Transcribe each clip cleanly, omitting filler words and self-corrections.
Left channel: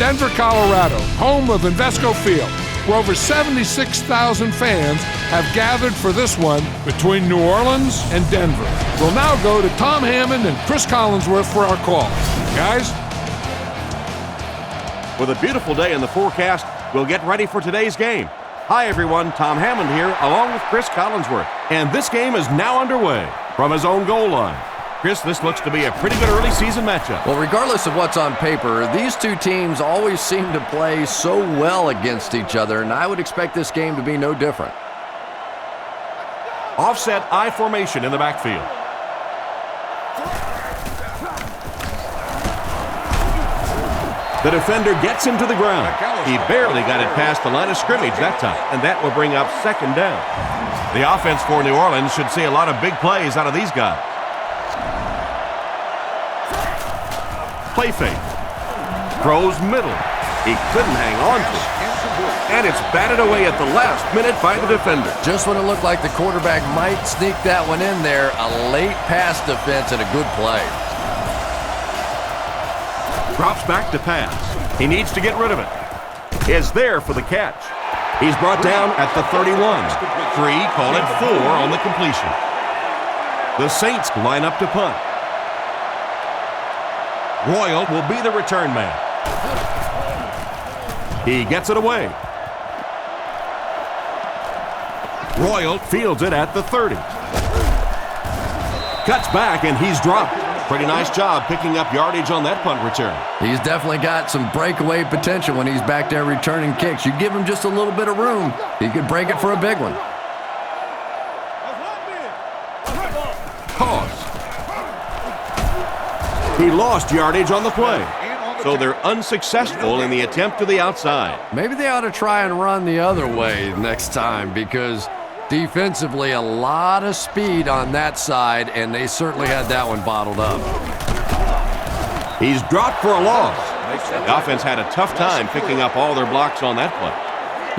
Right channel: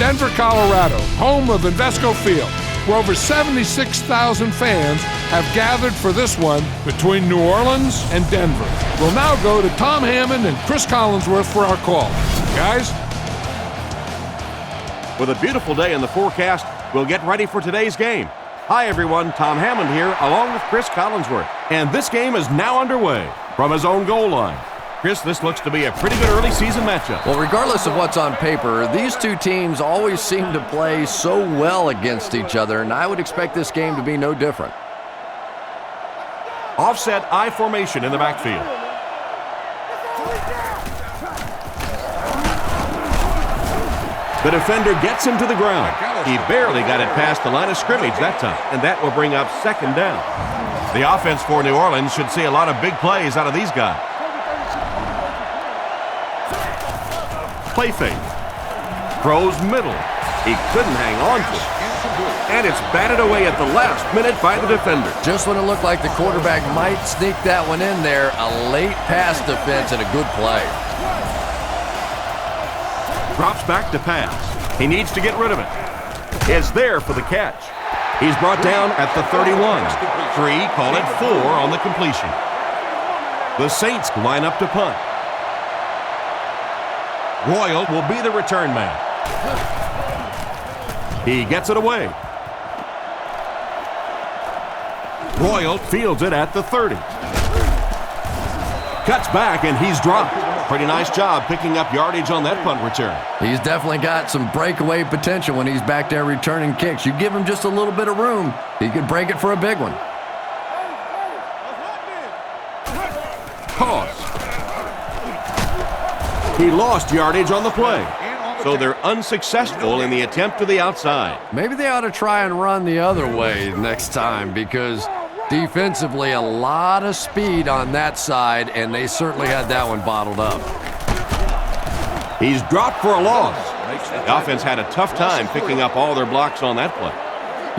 Denver, Colorado, home of Invesco Field, where over 76,000 fans have gathered for this one between New Orleans and Denver. We'll now go to Tom Hammond and Chris Collinsworth for our call. Guys? With a beautiful day in the forecast, we'll get ready for today's game. Hi, everyone. Tom Hammond here, along with Chris Collinsworth. And this game is now underway from his own goal line. Chris, this looks to be a pretty good early season matchup. Well, regardless of what's on paper, these two teams always seem to play so well against each other, and I would expect this game to be no different. Offset I formation in the backfield. The defender gets him to the ground. He barely got it past the line of scrimmage that time, and that will bring up second down. The offense for New Orleans should see a lot of big plays out of these guys. Play fake. Throws middle. He couldn't hang on to it. And it's batted away at the last minute by the defender. Just when it looked like the quarterback might sneak that one in there, a late pass defense and a good play. Drops back to pass. He needs to get rid of it. Is there for the catch. He's brought down at the 31. 3, call it 4 on the completion. The Saints line up to punt. Royal will be the return man. He gets it away. Royal fields it at the 30. Cuts back and he's dropped. Pretty nice job picking up yardage on that punt return. He's definitely got some breakaway potential when he's back there returning kicks. You give him just a little bit of room, he could break it for a big one. Pause. He lost yardage on the play, so they're unsuccessful in the attempt to the outside. Maybe they ought to try and run the other way next time, because defensively a lot of speed on that side, and they certainly had that one bottled up. He's dropped for a loss. The offense had a tough time picking up all their blocks on that play.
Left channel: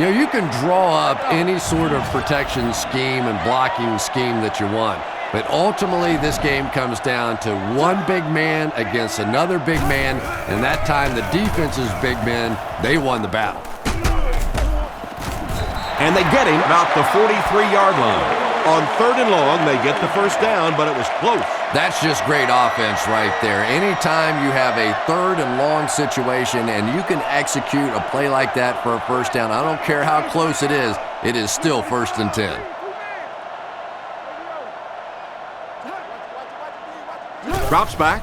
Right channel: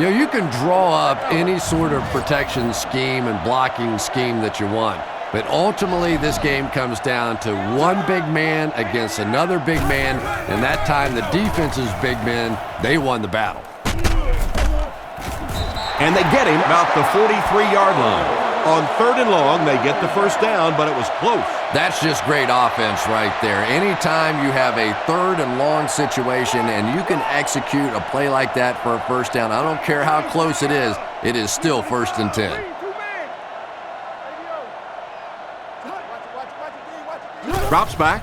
You know, you can draw up any sort of protection scheme and blocking scheme that you want. But ultimately, this game comes down to one big man against another big man, and that time the defense's big men, they won the battle. And they get him about the 43-yard line. On 3rd and long, they get the first down, but it was close. That's just great offense right there. Anytime you have a 3rd and long situation and you can execute a play like that for a first down, I don't care how close it is still 1st and 10. Drops back,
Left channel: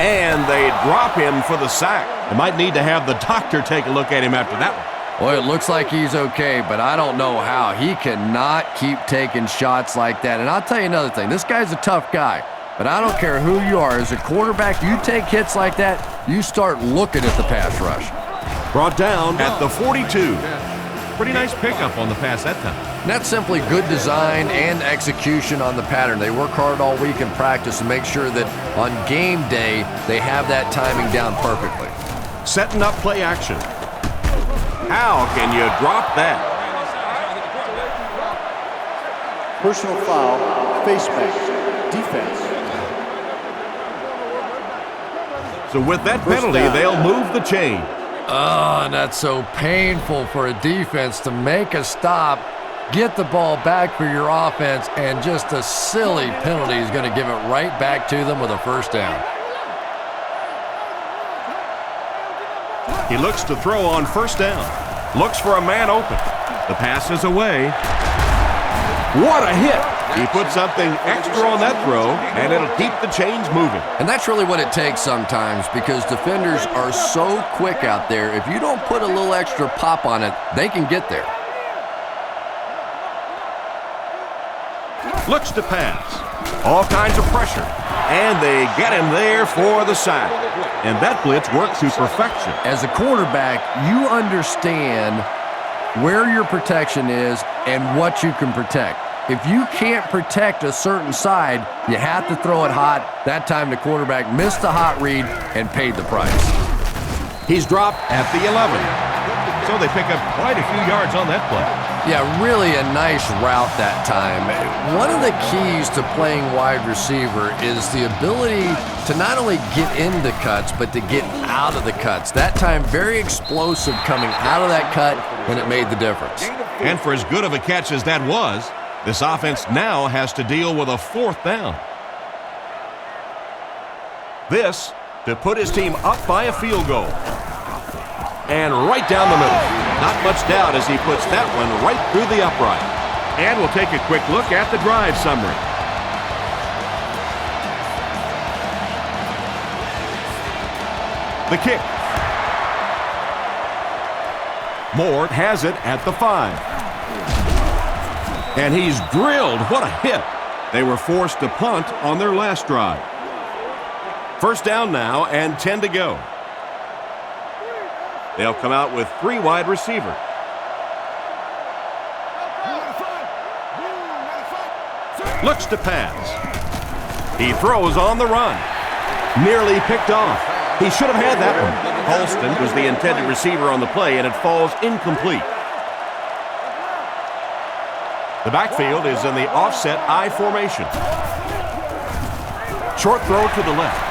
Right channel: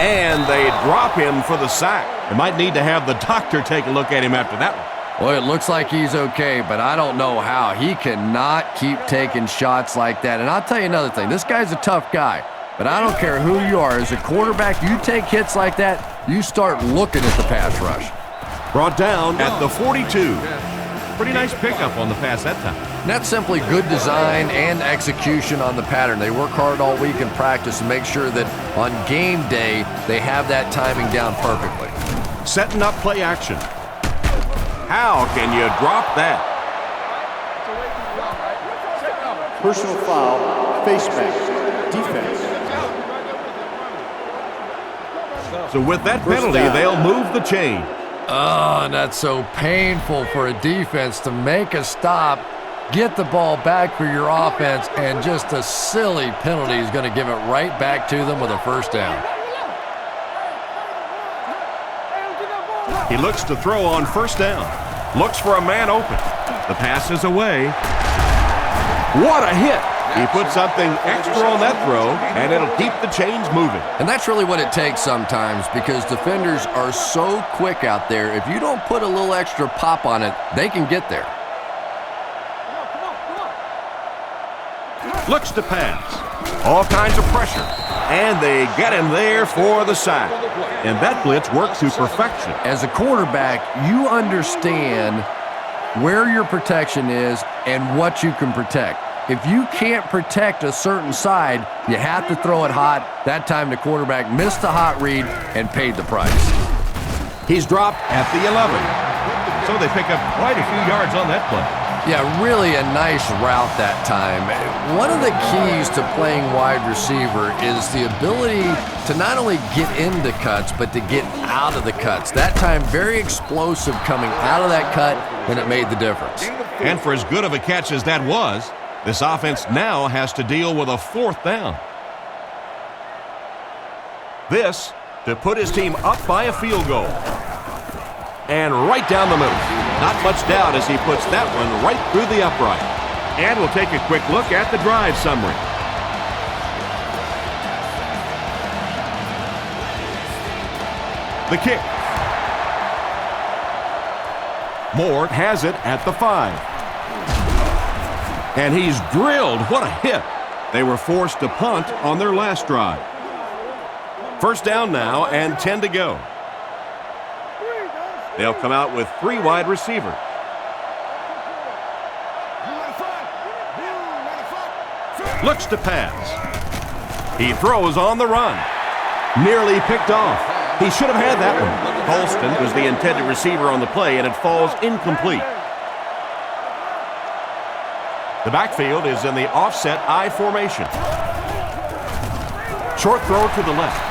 and they drop him for the sack. They might need to have the doctor take a look at him after that one. Well, it looks like he's okay, but I don't know how. He cannot keep taking shots like that. And I'll tell you another thing. This guy's a tough guy, but I don't care who you are. As a quarterback, you take hits like that, you start looking at the pass rush. Brought down at the 42. Pretty nice pickup on the pass that time. And that's simply good design and execution on the pattern. They work hard all week in practice to make sure that on game day, they have that timing down perfectly. Setting up play action. How can you drop that? Personal foul, face mask, defense. So with that penalty, they'll move the chain. Oh, and that's so painful for a defense to make a stop, get the ball back for your offense, and just a silly penalty is going to give it right back to them with a first down. He looks to throw on first down. Looks for a man open. The pass is away. What a hit! He put something extra on that throw, and it'll keep the chains moving. And that's really what it takes sometimes, because defenders are so quick out there. If you don't put a little extra pop on it, they can get there. Looks to pass. All kinds of pressure. And they get him there for the sack. And that blitz worked to perfection. As a quarterback, you understand where your protection is and what you can protect. If you can't protect a certain side, you have to throw it hot. That time the quarterback missed the hot read and paid the price. He's dropped at the 11. So they pick up quite a few yards on that play. Yeah, really a nice route that time. One of the keys to playing wide receiver is the ability to not only get into cuts, but to get out of the cuts. That time, very explosive coming out of that cut, and it made the difference. And for as good of a catch as that was, this offense now has to deal with a 4th down. This to put his team up by a field goal. And right down the middle. Not much doubt as he puts that one right through the upright. And we'll take a quick look at the drive summary. The kick. Moore has it at the 5. And he's drilled. What a hit. They were forced to punt on their last drive. 1st down now and 10 to go. They'll come out with 3 wide receivers. Looks to pass. He throws on the run. Nearly picked off. He should have had that one. Halston was the intended receiver on the play, and it falls incomplete. The backfield is in the offset I formation. Short throw to the left.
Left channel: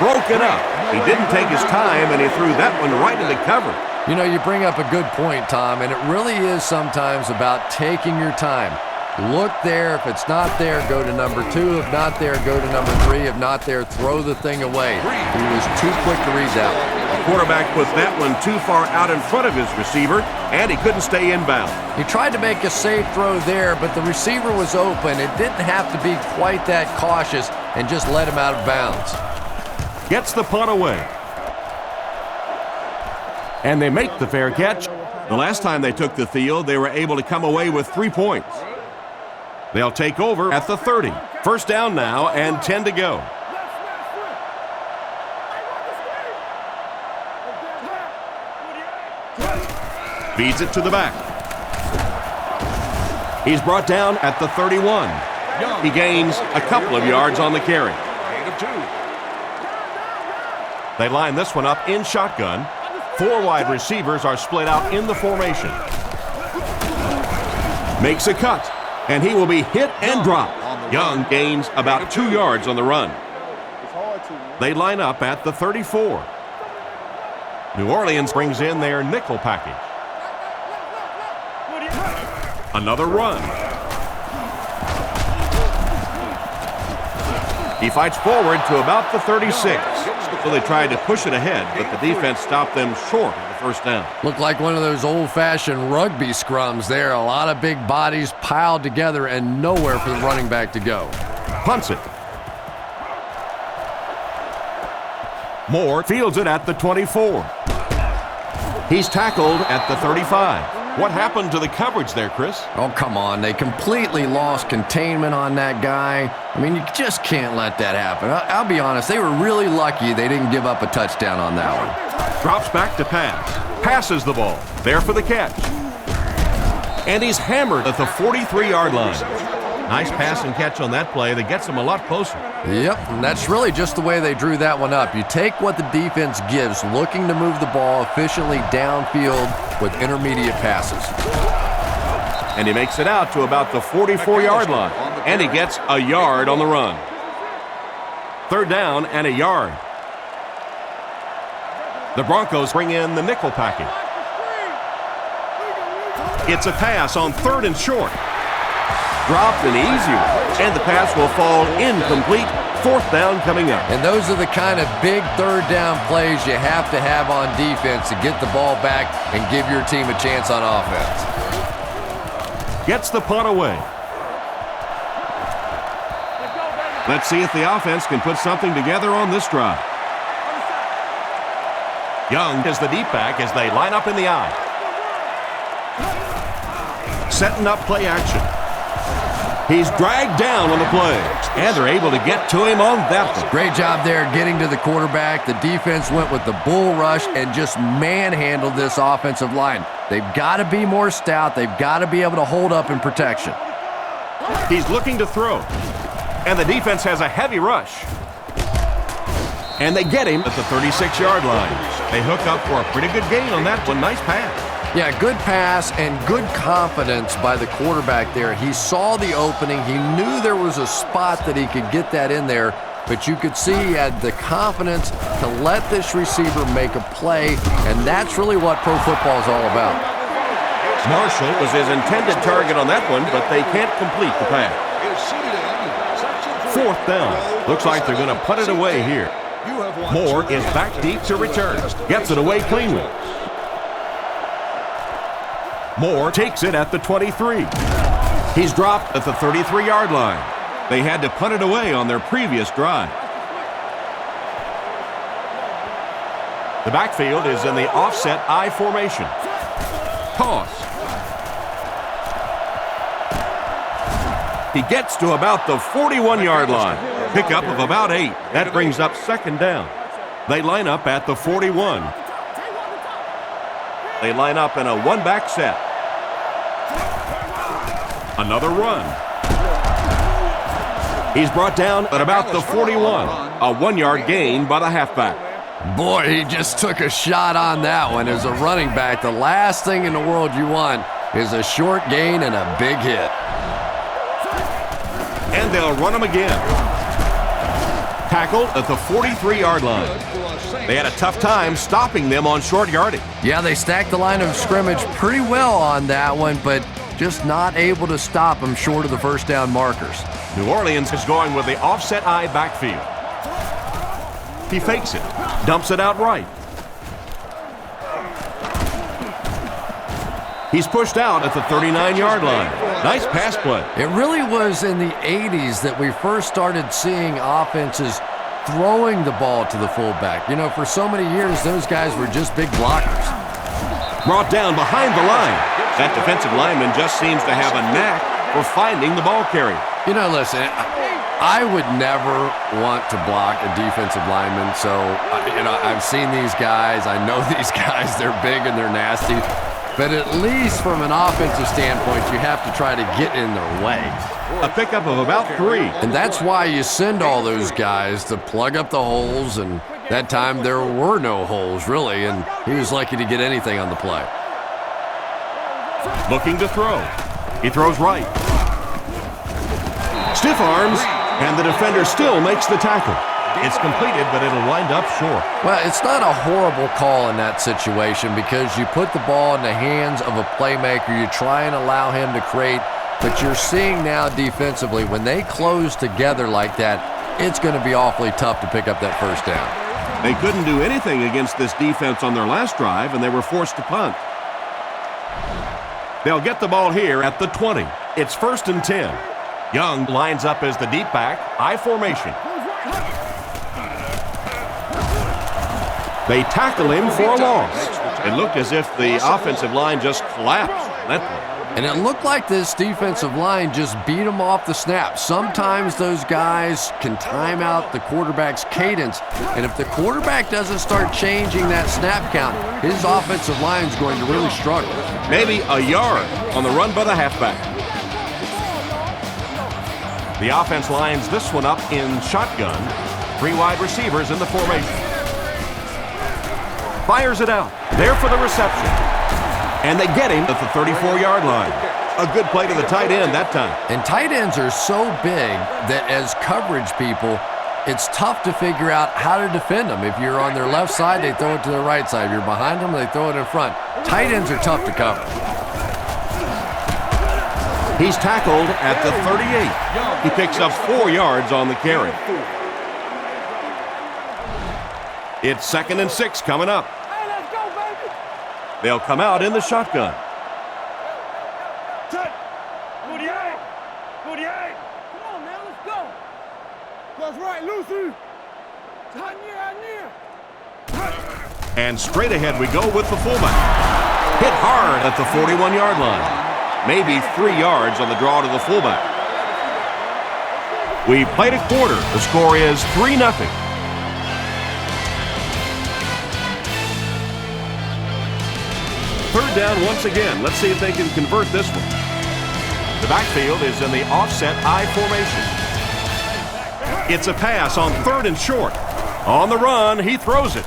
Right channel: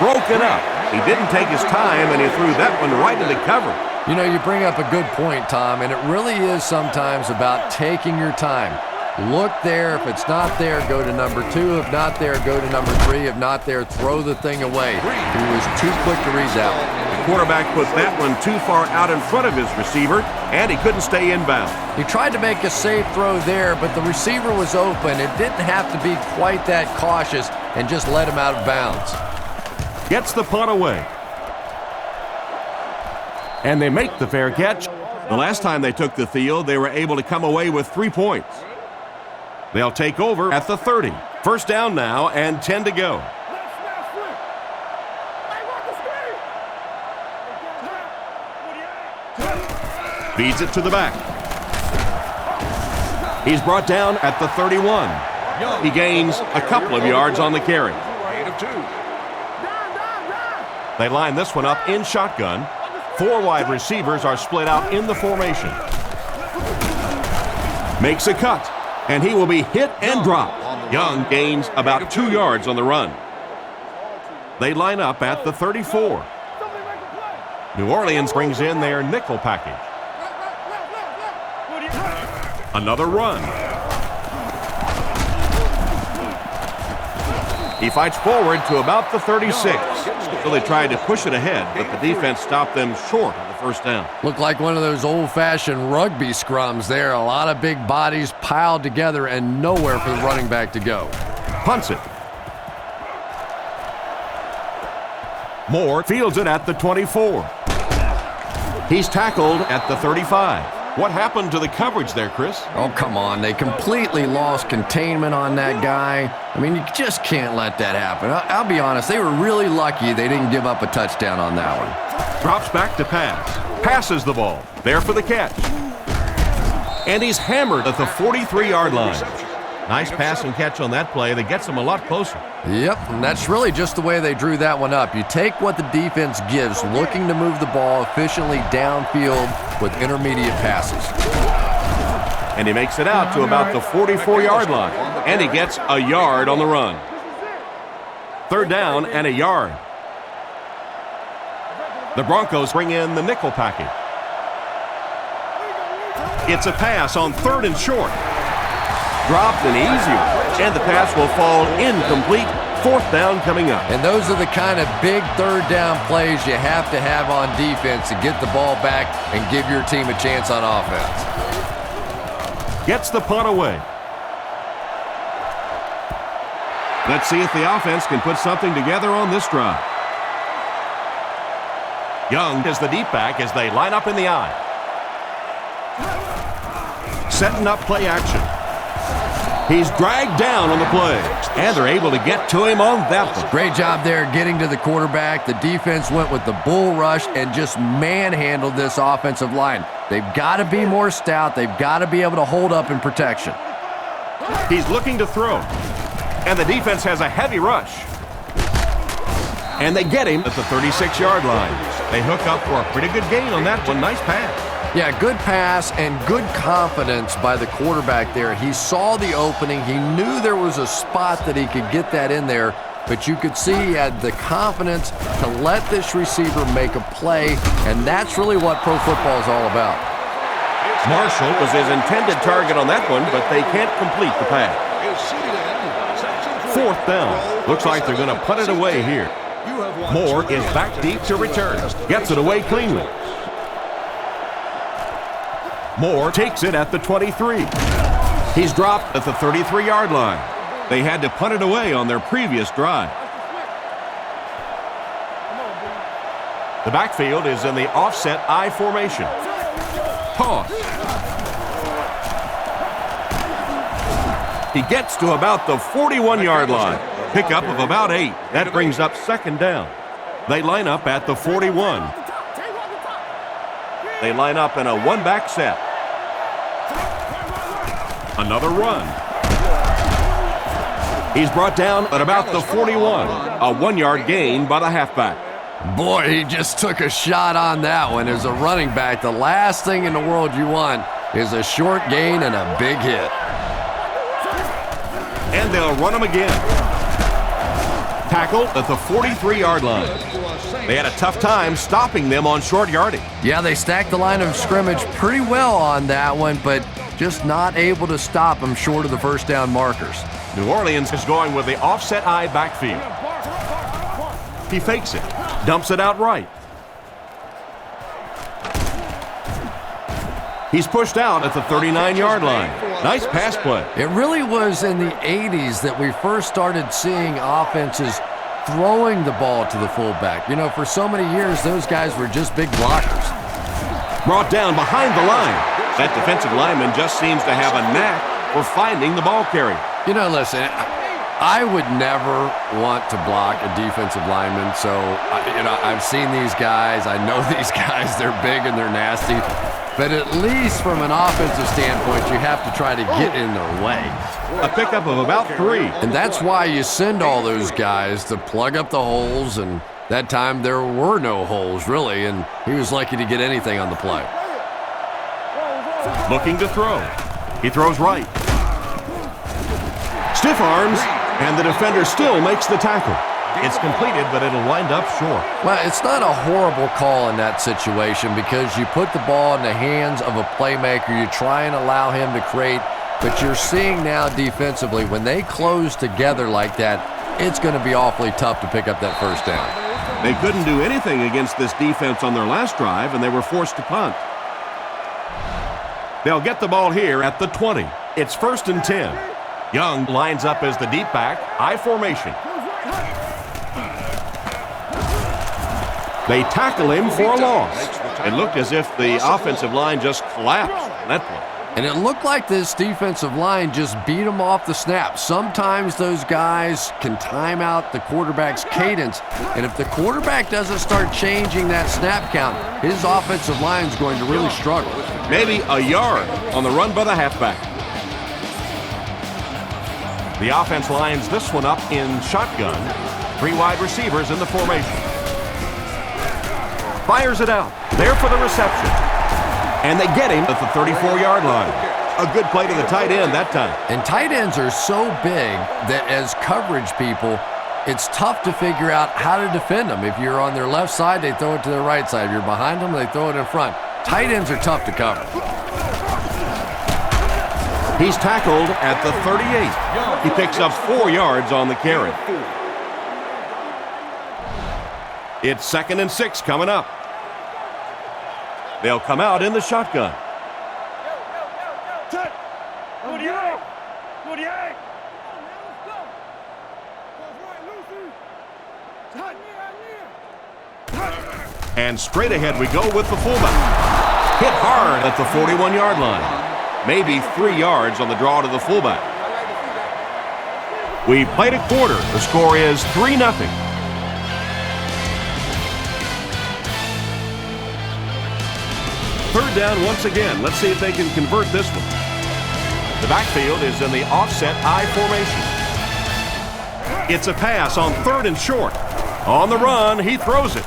Broken up. He didn't take his time, and he threw that one right into cover. You know, you bring up a good point, Tom, and it really is sometimes about taking your time. Look there. If it's not there, go to number 2. If not there, go to number 3. If not there, throw the thing away. He was too quick to read that one. The quarterback put that one too far out in front of his receiver, and he couldn't stay inbound. He tried to make a safe throw there, but the receiver was open. It didn't have to be quite that cautious and just let him out of bounds. Gets the punt away. And they make the fair catch. The last time they took the field, they were able to come away with 3 points. They'll take over at the 30. 1st down now and 10 to go. Feeds it to the back. He's brought down at the 31. He gains a couple of yards on the carry. They line this one up in shotgun. 4 wide receivers are split out in the formation. Makes a cut, and he will be hit and dropped. Young gains about 2 yards on the run. They line up at the 34. New Orleans brings in their nickel package. Another run. He fights forward to about the 36. So they tried to push it ahead, but the defense stopped them short of the 1st down. Looked like one of those old-fashioned rugby scrums there. A lot of big bodies piled together and nowhere for the running back to go. Punts it. Moore fields it at the 24. He's tackled at the 35. What happened to the coverage there, Chris? Oh, come on. They completely lost containment on that guy. I mean, you just can't let that happen. I'll be honest, they were really lucky they didn't give up a touchdown on that one. Drops back to pass. Passes the ball. There for the catch. And he's hammered at the 43-yard line. Nice pass and catch on that play. That gets him a lot closer. Yep, and that's really just the way they drew that one up. You take what the defense gives, looking to move the ball efficiently downfield with intermediate passes. And he makes it out to about the 44-yard line. And he gets a yard on the run. 3rd down and a yard. The Broncos bring in the nickel package. It's a pass on 3rd and short. Dropped an easy one, and the pass will fall incomplete. 4th down coming up. And those are the kind of big 3rd down plays you have to have on defense to get the ball back and give your team a chance on offense. Gets the punt away. Let's see if the offense can put something together on this drive. Young is the deep back as they line up in the I. Setting up play action. He's dragged down on the play, and they're able to get to him on that one. Great job there getting to the quarterback. The defense went with the bull rush and just manhandled this offensive line. They've got to be more stout. They've got to be able to hold up in protection. He's looking to throw, and the defense has a heavy rush. And they get him at the 36-yard line. They hook up for a pretty good gain on that one. Nice pass. Yeah, good pass and good confidence by the quarterback there. He saw the opening. He knew there was a spot that he could get that in there, but you could see he had the confidence to let this receiver make a play, and that's really what pro football is all about. Marshall was his intended target on that one, but they can't complete the pass. 4th down. Looks like they're going to punt it away here. Moore is back deep to return. Gets it away cleanly. Moore takes it at the 23. He's dropped at the 33-yard line. They had to punt it away on their previous drive. The backfield is in the offset I formation. Toss. He gets to about the 41-yard line. Pickup of about 8. That brings up 2nd down. They line up at the 41. They line up in a one-back set. Another run. He's brought down at about the 41. A 1-yard gain by the halfback. Boy, he just took a shot on that one. As a running back, the last thing in the world you want is a short gain and a big hit. And they'll run him again. Tackled at the 43-yard line. They had a tough time stopping them on short yardage. Yeah, they stacked the line of scrimmage pretty well on that one, but just not able to stop them short of the first down markers. New Orleans is going with the offset I backfield. He fakes it, dumps it out right. He's pushed out at the 39-yard line. Nice pass play. It really was in the 80s that we first started seeing offenses throwing the ball to the fullback. You know, for so many years, those guys were just big blockers. Brought down behind the line. That defensive lineman just seems to have a knack for finding the ball carrier. You know, listen, I would never want to block a defensive lineman, so, you know, I've seen these guys. I know these guys. They're big and they're nasty. But at least from an offensive standpoint, you have to try to get in their way. A pickup of about 3. And that's why you send all those guys to plug up the holes, and that time there were no holes, really, and he was lucky to get anything on the play. Looking to throw. He throws right. Stiff arms, and the defender still makes the tackle. It's completed, but it'll wind up short. Well, it's not a horrible call in that situation because you put the ball in the hands of a playmaker. You try and allow him to create, but you're seeing now defensively, when they close together like that, it's going to be awfully tough to pick up that first down. They couldn't do anything against this defense on their last drive, and they were forced to punt. They'll get the ball here at the 20. It's 1st and 10. Young lines up as the deep back, I formation. They tackle him for a loss. It looked as if the offensive line just collapsed on that play. And it looked like this defensive line just beat them off the snap. Sometimes those guys can time out the quarterback's cadence. And if the quarterback doesn't start changing that snap count, his offensive line is going to really struggle. Maybe a yard on the run by the halfback. The offense lines this one up in shotgun. 3 wide receivers in the formation. Fires it out. There for the reception. And they get him at the 34-yard line. A good play to the tight end that time. And tight ends are so big that as coverage people, it's tough to figure out how to defend them. If you're on their left side, they throw it to their right side. If you're behind them, they throw it in front. Tight ends are tough to cover. He's tackled at the 38. He picks up 4 yards on the carry. It's 2nd and 6 coming up. They'll come out in the shotgun. Come on, man, let's go. Cross right, Lucy. Hot near. And straight ahead we go with the fullback. Hit hard at the 41-yard line. Maybe 3 yards on the draw to the fullback. We played a quarter. The score is 3-0. Third down once again. Let's see if they can convert this one. The backfield is in the offset I formation. It's a pass on 3rd and short. On the run, he throws it.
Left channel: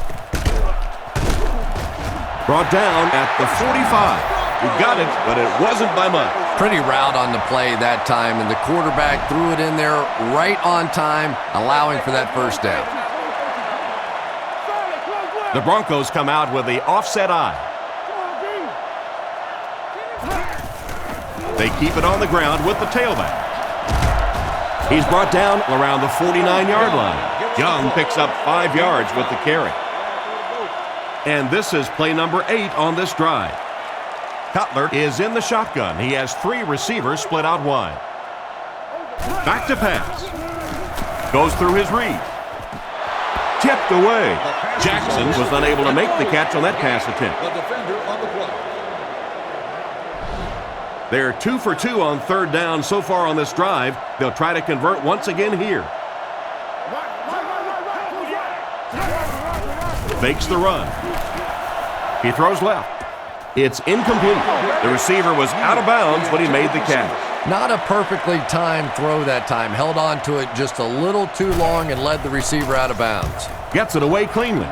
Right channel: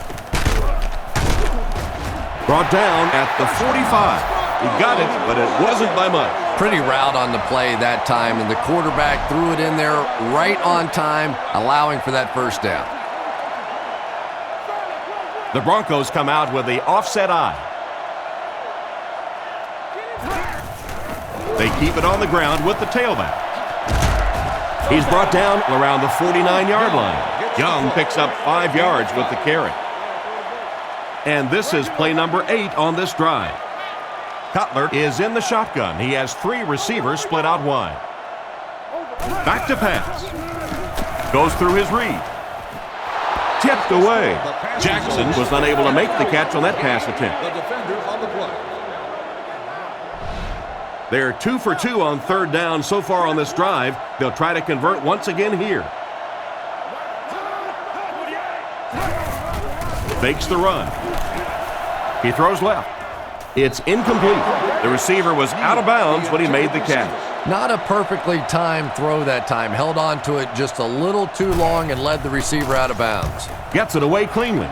Brought down at the 45. He got it, but it wasn't by much. Pretty route on the play that time, and the quarterback threw it in there right on time, allowing for that first down. The Broncos come out with the offset eye. They keep it on the ground with the tailback. He's brought down around the 49-yard line. Young picks up 5 yards with the carry. And this is play number 8 on this drive. Cutler is in the shotgun. He has 3 receivers split out wide. Back to pass. Goes through his read. Tipped away. Jackson was unable to make the catch on that pass attempt. They're 2 for 2 on third down so far on this drive. They'll try to convert once again here. Fakes the run. He throws left. It's incomplete. The receiver was out of bounds when he made the catch. Not a perfectly timed throw that time. Held on to it just a little too long and led the receiver out of bounds. Gets it away cleanly.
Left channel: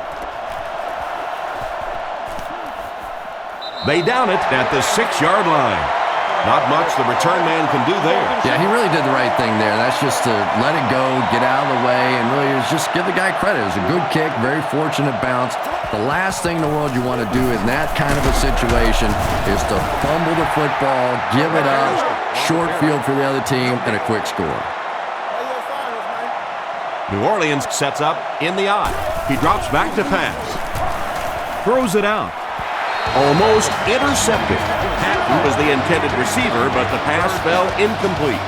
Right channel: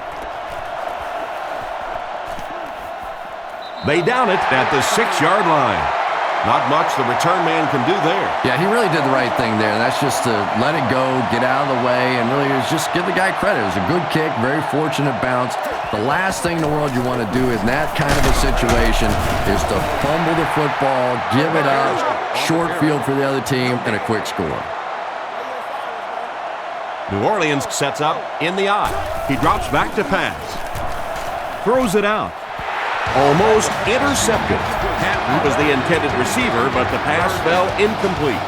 They down it at the 6-yard line. Not much the return man can do there. Yeah, he really did the right thing there. That's just to let it go, get out of the way, and really just give the guy credit. It was a good kick, very fortunate bounce. The last thing in the world you want to do in that kind of a situation is to fumble the football, give it up, short field for the other team, and a quick score. New Orleans sets up in the eye. He drops back to pass. Throws it out. Almost intercepted. Patton was the intended receiver, but the pass fell incomplete.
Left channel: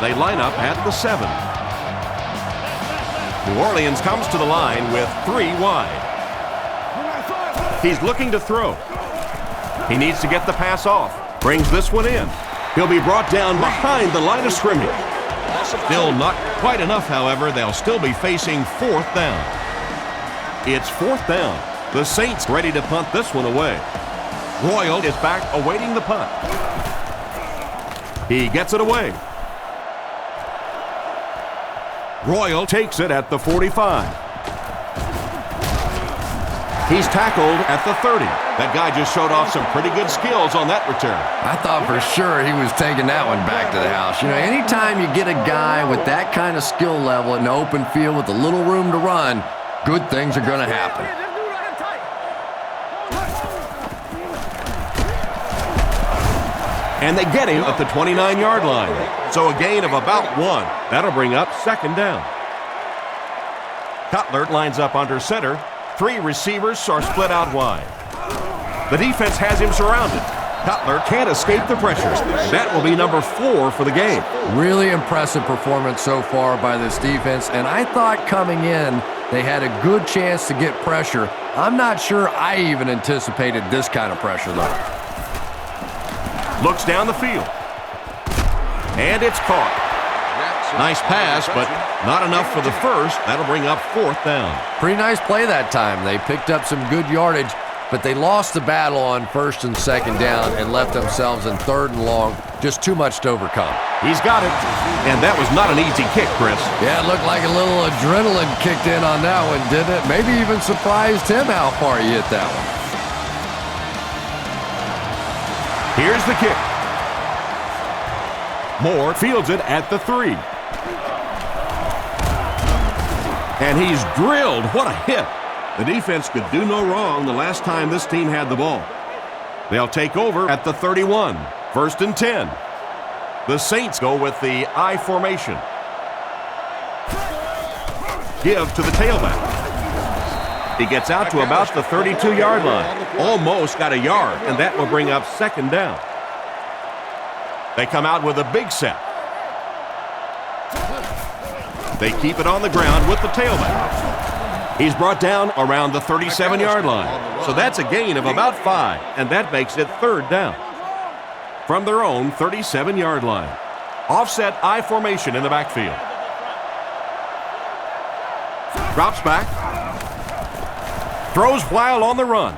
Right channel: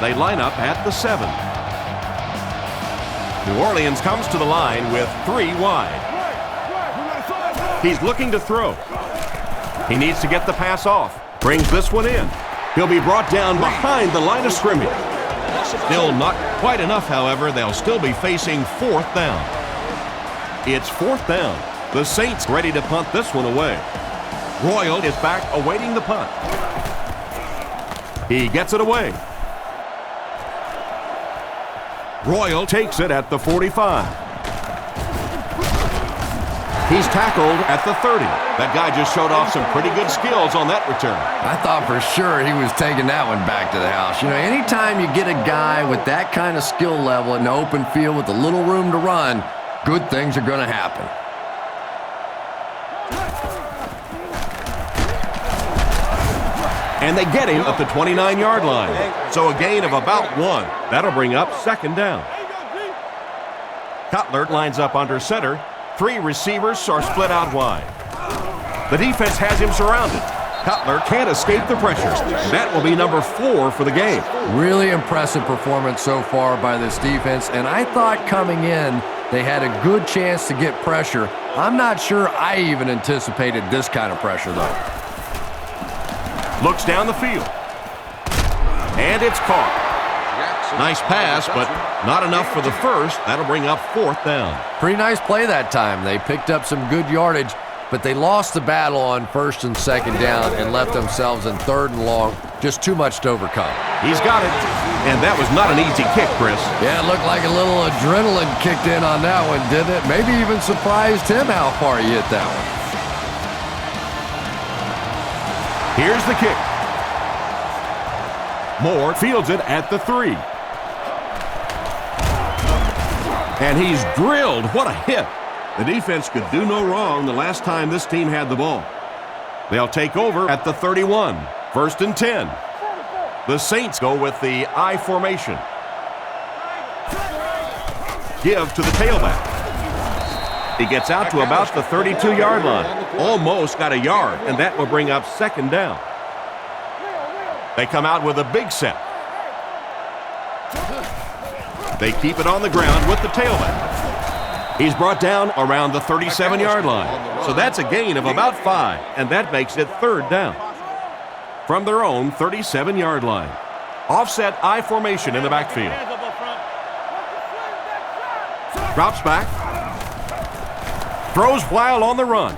They line up at the 7. New Orleans comes to the line with 3 wide. He's looking to throw. He needs to get the pass off. Brings this one in. He'll be brought down behind the line of scrimmage. Still not quite enough, however. They'll still be facing 4th down. It's 4th down. The Saints ready to punt this one away. Royal is back awaiting the punt. He gets it away. Royal takes it at the 45. He's tackled at the 30. That guy just showed off some pretty good skills on that return. I thought for sure he was taking that one back to the house. You know, anytime you get a guy with that kind of skill level in the open field with a little room to run, good things are going to happen. And they get him at the 29-yard line. So a gain of about 1. That'll bring up 2nd down. Cutler lines up under center. 3 receivers are split out wide. The defense has him surrounded. Cutler can't escape the pressures. That will be number 4 for the game. Really impressive performance so far by this defense, and I thought coming in they had a good chance to get pressure. I'm not sure I even anticipated this kind of pressure, though. Looks down the field. And it's caught. Nice pass, but not enough for the first. That'll bring up 4th down. Pretty nice play that time. They picked up some good yardage, but they lost the battle on 1st and 2nd down and left themselves in 3rd and long. Just too much to overcome. He's got it. And that was not an easy kick, Chris. Yeah, it looked like a little adrenaline kicked in on that one, didn't it? Maybe even surprised him how far he hit that one. Here's the kick. Moore fields it at the 3. And he's drilled. What a hit. The defense could do no wrong the last time this team had the ball. They'll take over at the 31. 1st and 10. The Saints go with the I formation. Give to the tailback. He gets out to about the 32-yard line. Almost got a yard, and that will bring up 2nd down. They come out with a big set. They keep it on the ground with the tailback. He's brought down around the 37-yard line. So that's a gain of about 5, and that makes it 3rd down. From their own 37-yard line. Offset I formation in the backfield. Drops back. Throws while on the run.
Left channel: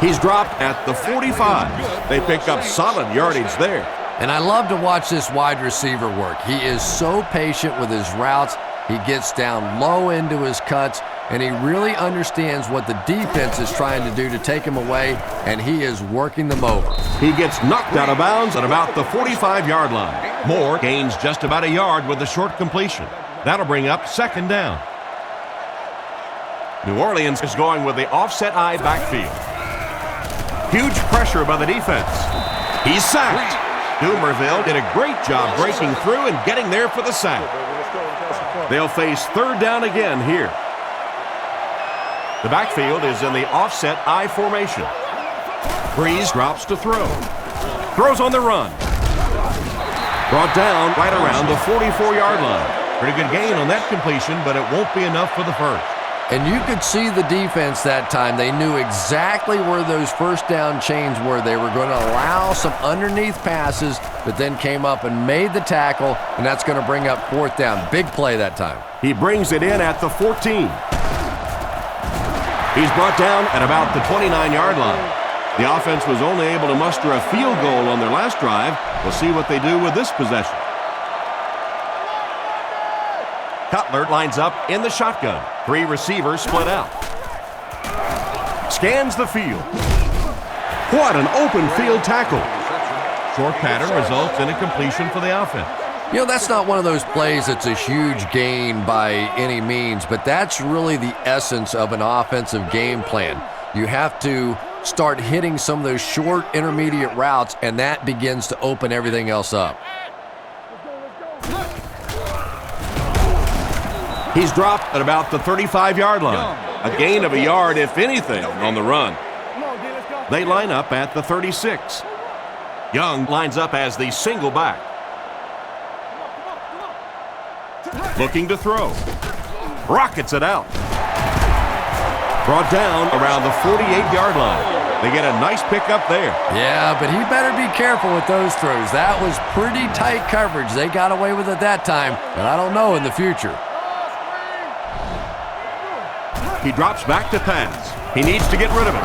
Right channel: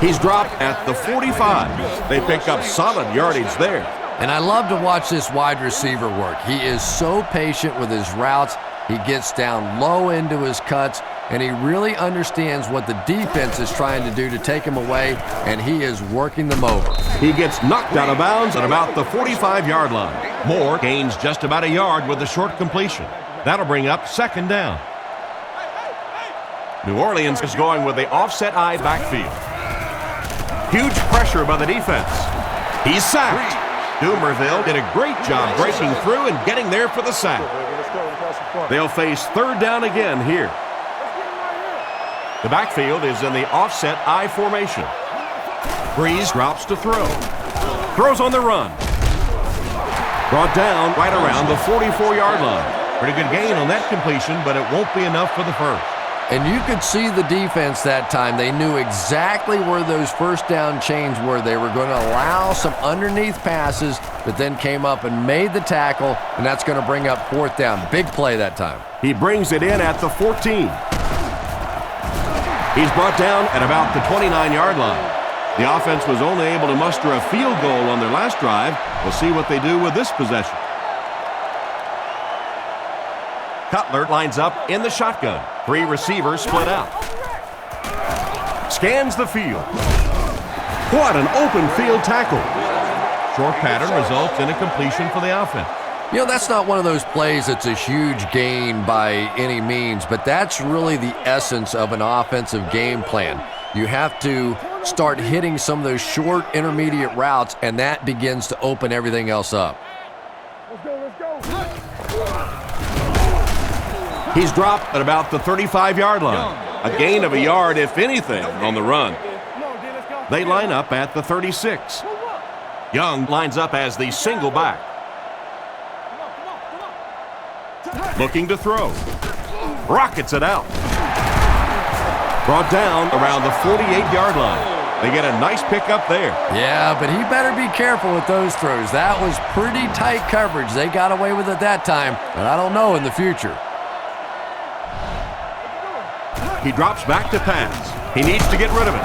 He's dropped at the 45. They pick up solid yardage there. And I love to watch this wide receiver work. He is so patient with his routes. He gets down low into his cuts, and he really understands what the defense is trying to do to take him away, and he is working them over. He gets knocked out of bounds at about the 45-yard line. Moore gains just about a yard with a short completion. That'll bring up second down. New Orleans is going with the offset I backfield. Huge pressure by the defense. He's sacked. Dumerville did a great job breaking through and getting there for the sack. They'll face third down again here. The backfield is in the offset I formation. Breeze drops to throw. Throws on the run. Brought down right around the 44-yard line. Pretty good gain on that completion, but it won't be enough for the first. And you could see the defense that time. They knew exactly where those first down chains were. They were going to allow some underneath passes, but then came up and made the tackle, and that's going to bring up fourth down. Big play that time. He brings it in at the 14. He's brought down at about the 29-yard line. The offense was only able to muster a field goal on their last drive. We'll see what they do with this possession. Cutler lines up in the shotgun. 3 receivers split out. Scans the field. What an open field tackle. Short pattern results in a completion for the offense. You know, that's not one of those plays that's a huge gain by any means, but that's really the essence of an offensive game plan. You have to start hitting some of those short intermediate routes, and that begins to open everything else up. Let's go. He's dropped at about the 35-yard line. A gain of a yard, if anything, on the run. Come on, D, let's go. They line up at the 36. Young lines up as the single back. Come on. Looking to throw. Rockets it out. Brought down around the 48-yard line. They get a nice pickup there. Yeah, but he better be careful with those throws. That was pretty tight coverage. They got away with it that time, but I don't know in the future. He drops back to pass. He needs to get rid of it.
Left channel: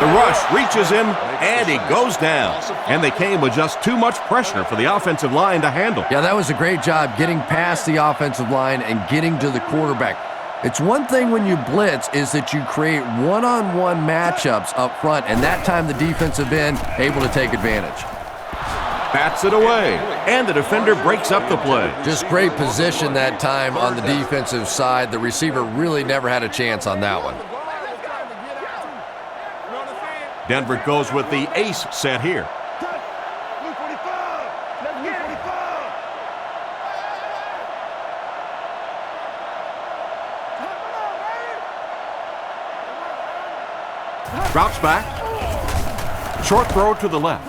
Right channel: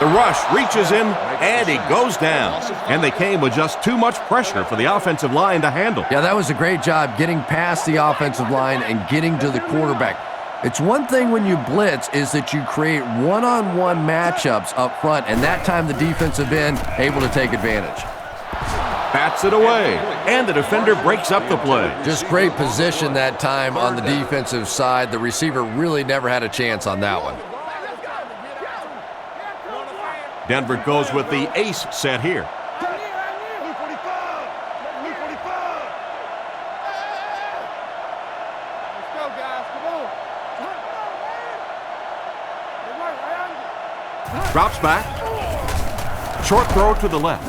The rush reaches him, and he goes down. And they came with just too much pressure for the offensive line to handle. Yeah, that was a great job getting past the offensive line and getting to the quarterback. It's one thing when you blitz is that you create one-on-one matchups up front, and that time the defensive end able to take advantage. Bats it away, and the defender breaks up the play. Just great position that time on the defensive side. The receiver really never had a chance on that one. Denver goes with the ace set here. Blue 45. Blue 45. Let's go, guys. Come on, baby. Drops back. Short throw to the left.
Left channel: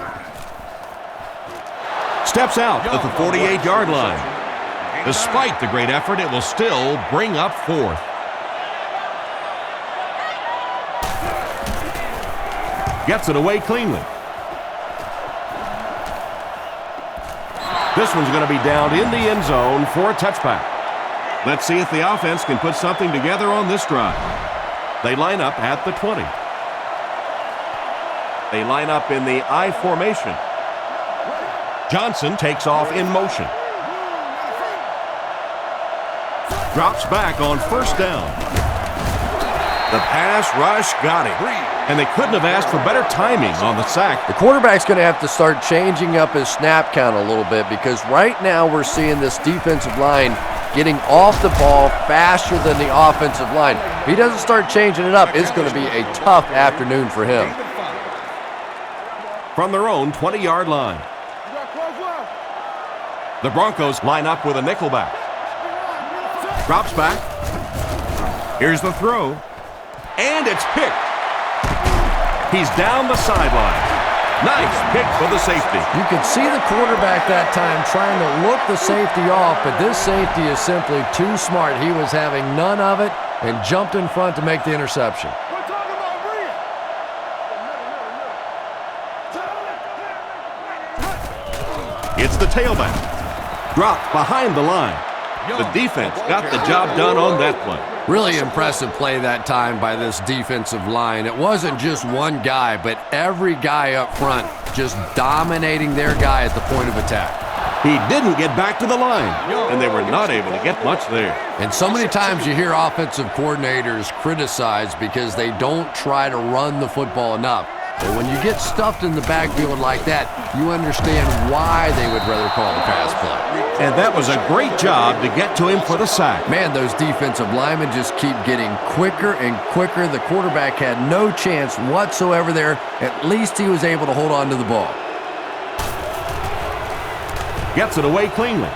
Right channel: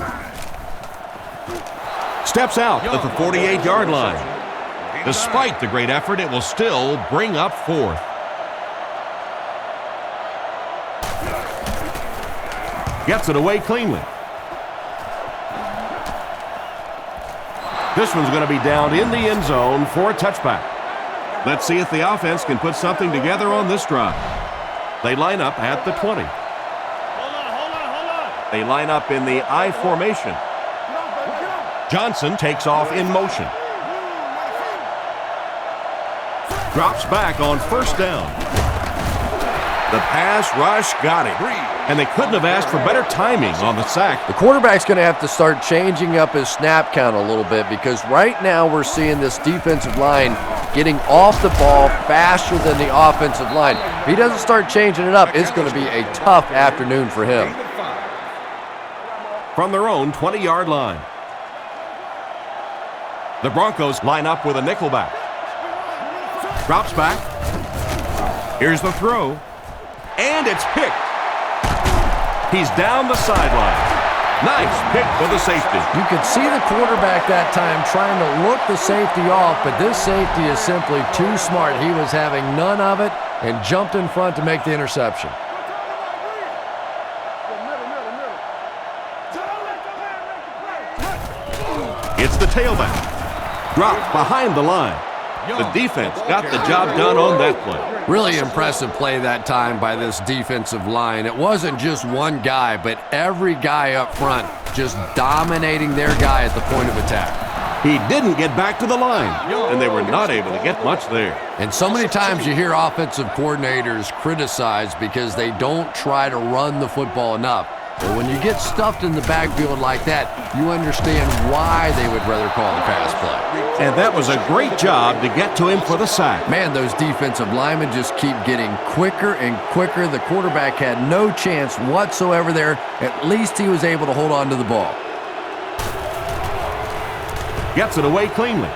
Steps out at the 48-yard line. Despite the great effort, it will still bring up fourth. Gets it away cleanly. This one's going to be down in the end zone for a touchback. Let's see if the offense can put something together on this drive. They line up at the 20. Hold on. They line up in the I formation. Johnson takes off in motion. Drops back on first down. The pass rush got it. And they couldn't have asked for better timing on the sack. The quarterback's going to have to start changing up his snap count a little bit, because right now we're seeing this defensive line getting off the ball faster than the offensive line. If he doesn't start changing it up, it's going to be a tough afternoon for him. From their own 20-yard line. The Broncos line up with a nickelback. Drops back. Here's the throw. And it's picked. He's down the sideline. Nice pick for the safety. You could see the quarterback that time trying to look the safety off, but this safety is simply too smart. He was having none of it and jumped in front to make the interception. We're talking about Rhea. Middle. It's the tailback. Dropped behind the line. The defense got the job done on that play. Really impressive play that time by this defensive line. It wasn't just one guy, but every guy up front just dominating their guy at the point of attack. He didn't get back to the line, and they were not able to get much there. And so many times you hear offensive coordinators criticized because they don't try to run the football enough. But when you get stuffed in the backfield like that, you understand why they would rather call the pass play. And that was a great job to get to him for the sack. Man, those defensive linemen just keep getting quicker and quicker. The quarterback had no chance whatsoever there. At least he was able to hold on to the ball. Gets it away cleanly.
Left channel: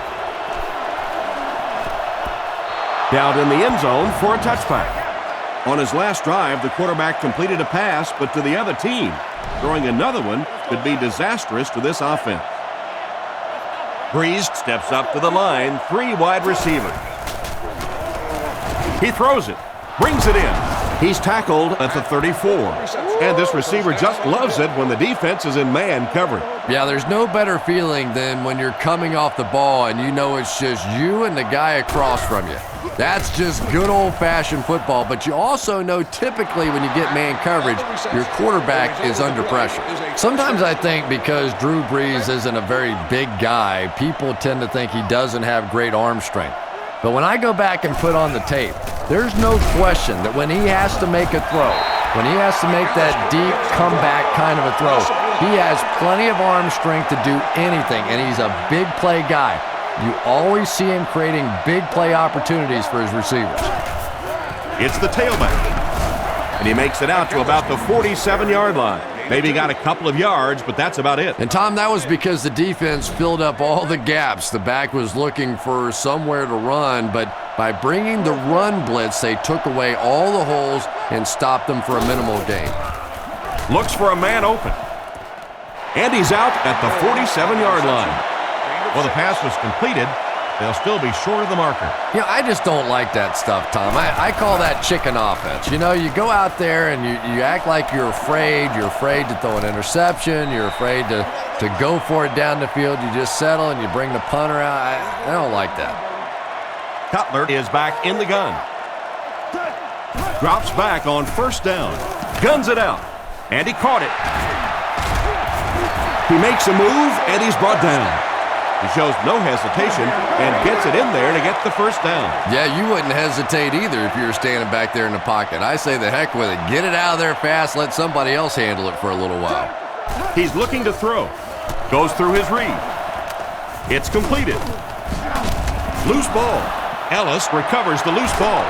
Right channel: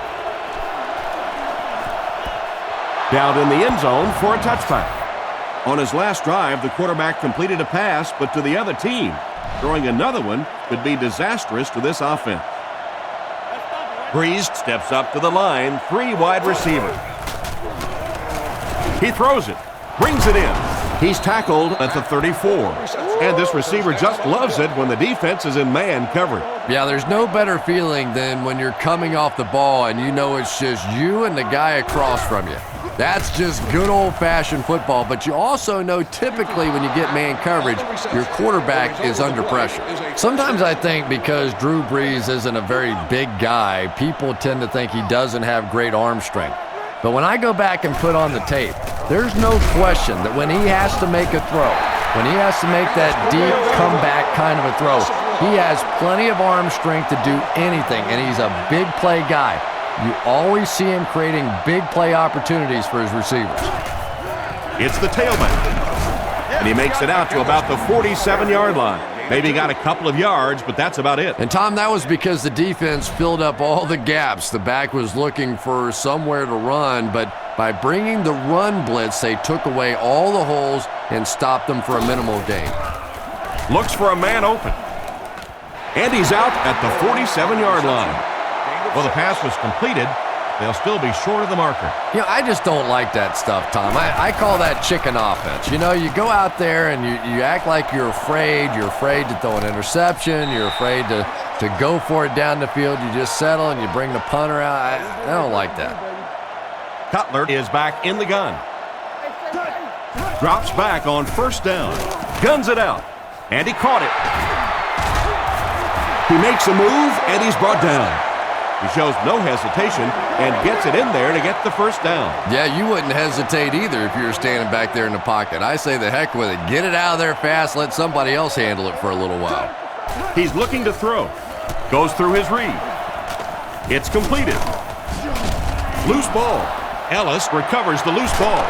Down in the end zone for a touchback. On his last drive, the quarterback completed a pass, but to the other team. Throwing another one could be disastrous to this offense. Breeze steps up to the line, 3 wide receivers. He throws it, brings it in. He's tackled at the 34. And this receiver just loves it when the defense is in man coverage. Yeah, there's no better feeling than when you're coming off the ball and you know it's just you and the guy across from you. That's just good old-fashioned football. But you also know typically when you get man coverage, your quarterback is under pressure. Sometimes I think because Drew Brees isn't a very big guy, people tend to think he doesn't have great arm strength. But when I go back and put on the tape, there's no question that when he has to make a throw, when he has to make that deep comeback kind of a throw, he has plenty of arm strength to do anything, and he's a big play guy. You always see him creating big play opportunities for his receivers. It's the tailback, and he makes it out to about the 47-yard line. Maybe got a couple of yards, but that's about it. And, Tom, that was because the defense filled up all the gaps. The back was looking for somewhere to run, but by bringing the run blitz, they took away all the holes and stopped them for a minimal gain. Looks for a man open. And he's out at the 47-yard line. Well, the pass was completed. They'll still be short of the marker. You know, I just don't like that stuff, Tom. I call that chicken offense. You know, you go out there and you act like you're afraid. You're afraid to throw an interception. You're afraid to go for it down the field. You just settle and you bring the punter out. I don't like that. Cutler is back in the gun. Drops back on first down. Guns it out. And he caught it. He makes a move, and he's brought down. He shows no hesitation and gets it in there to get the first down. Yeah, you wouldn't hesitate either if you were standing back there in the pocket. I say the heck with it. Get it out of there fast. Let somebody else handle it for a little while. He's looking to throw. Goes through his read. It's completed. Loose ball. Ellis recovers the loose ball.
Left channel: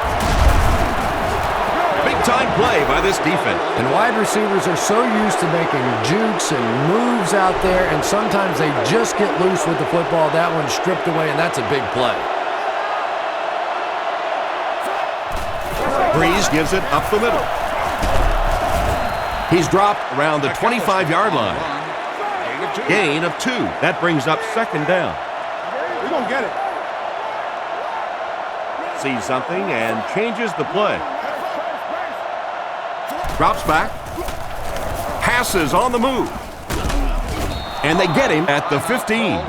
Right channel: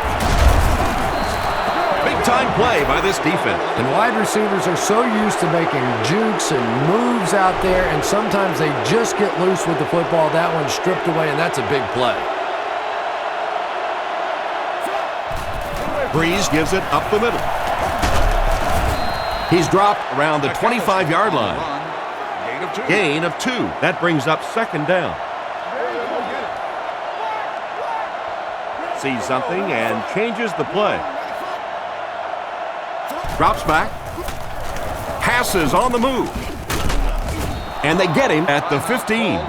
Big-time play by this defense. And wide receivers are so used to making jukes and moves out there, and sometimes they just get loose with the football. That one's stripped away, and that's a big play. Breeze gives it up the middle. He's dropped around the 25-yard line. Gain of 2. That brings up second down. We're gonna get it. Sees something and changes the play. Drops back. Passes on the move. And they get him at the 15.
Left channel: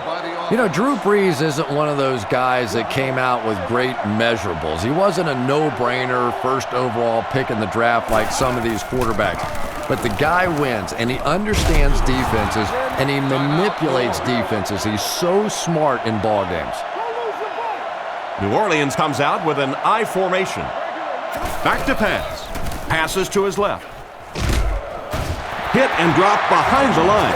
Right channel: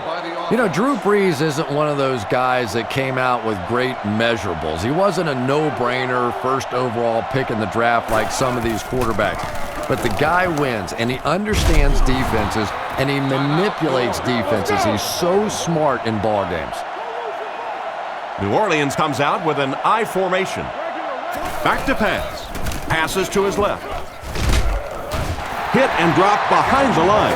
You know, Drew Brees isn't one of those guys that came out with great measurables. He wasn't a no-brainer first overall pick in the draft like some of these quarterbacks. But the guy wins, and he understands defenses, and he manipulates defenses. He's so smart in ball games. New Orleans comes out with an I formation. Back to pass. Passes to his left. Hit and drop behind the line.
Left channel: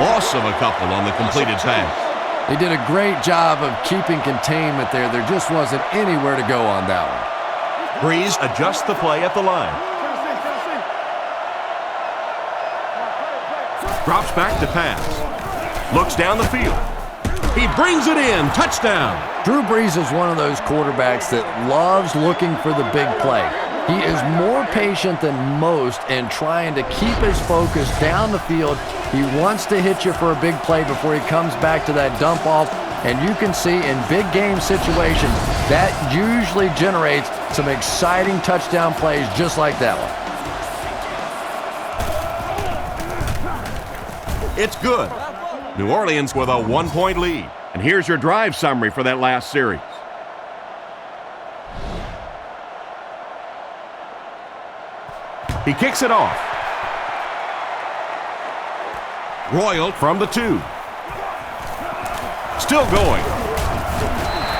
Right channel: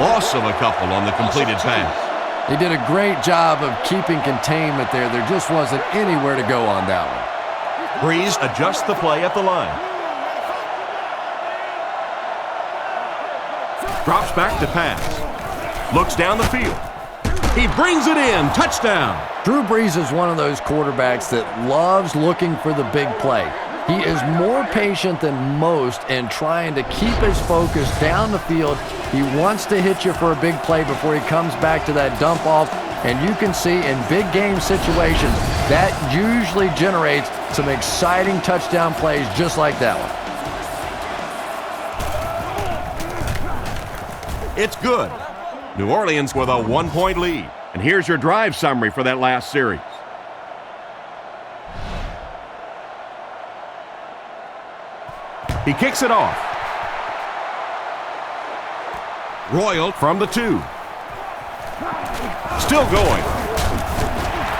Loss of a couple on the completed pass. They did a great job of keeping containment there. There just wasn't anywhere to go on that one. Breeze adjusts the play at the line. Drops back to pass. Looks down the field. He brings it in. Touchdown. Drew Brees is one of those quarterbacks that loves looking for the big play. He is more patient than most in trying to keep his focus down the field. He wants to hit you for a big play before he comes back to that dump off. And you can see in big game situations, that usually generates some exciting touchdown plays just like that one. It's good. New Orleans with a 1-point lead. And here's your drive summary for that last series. He kicks it off. Royal from the 2. Still going.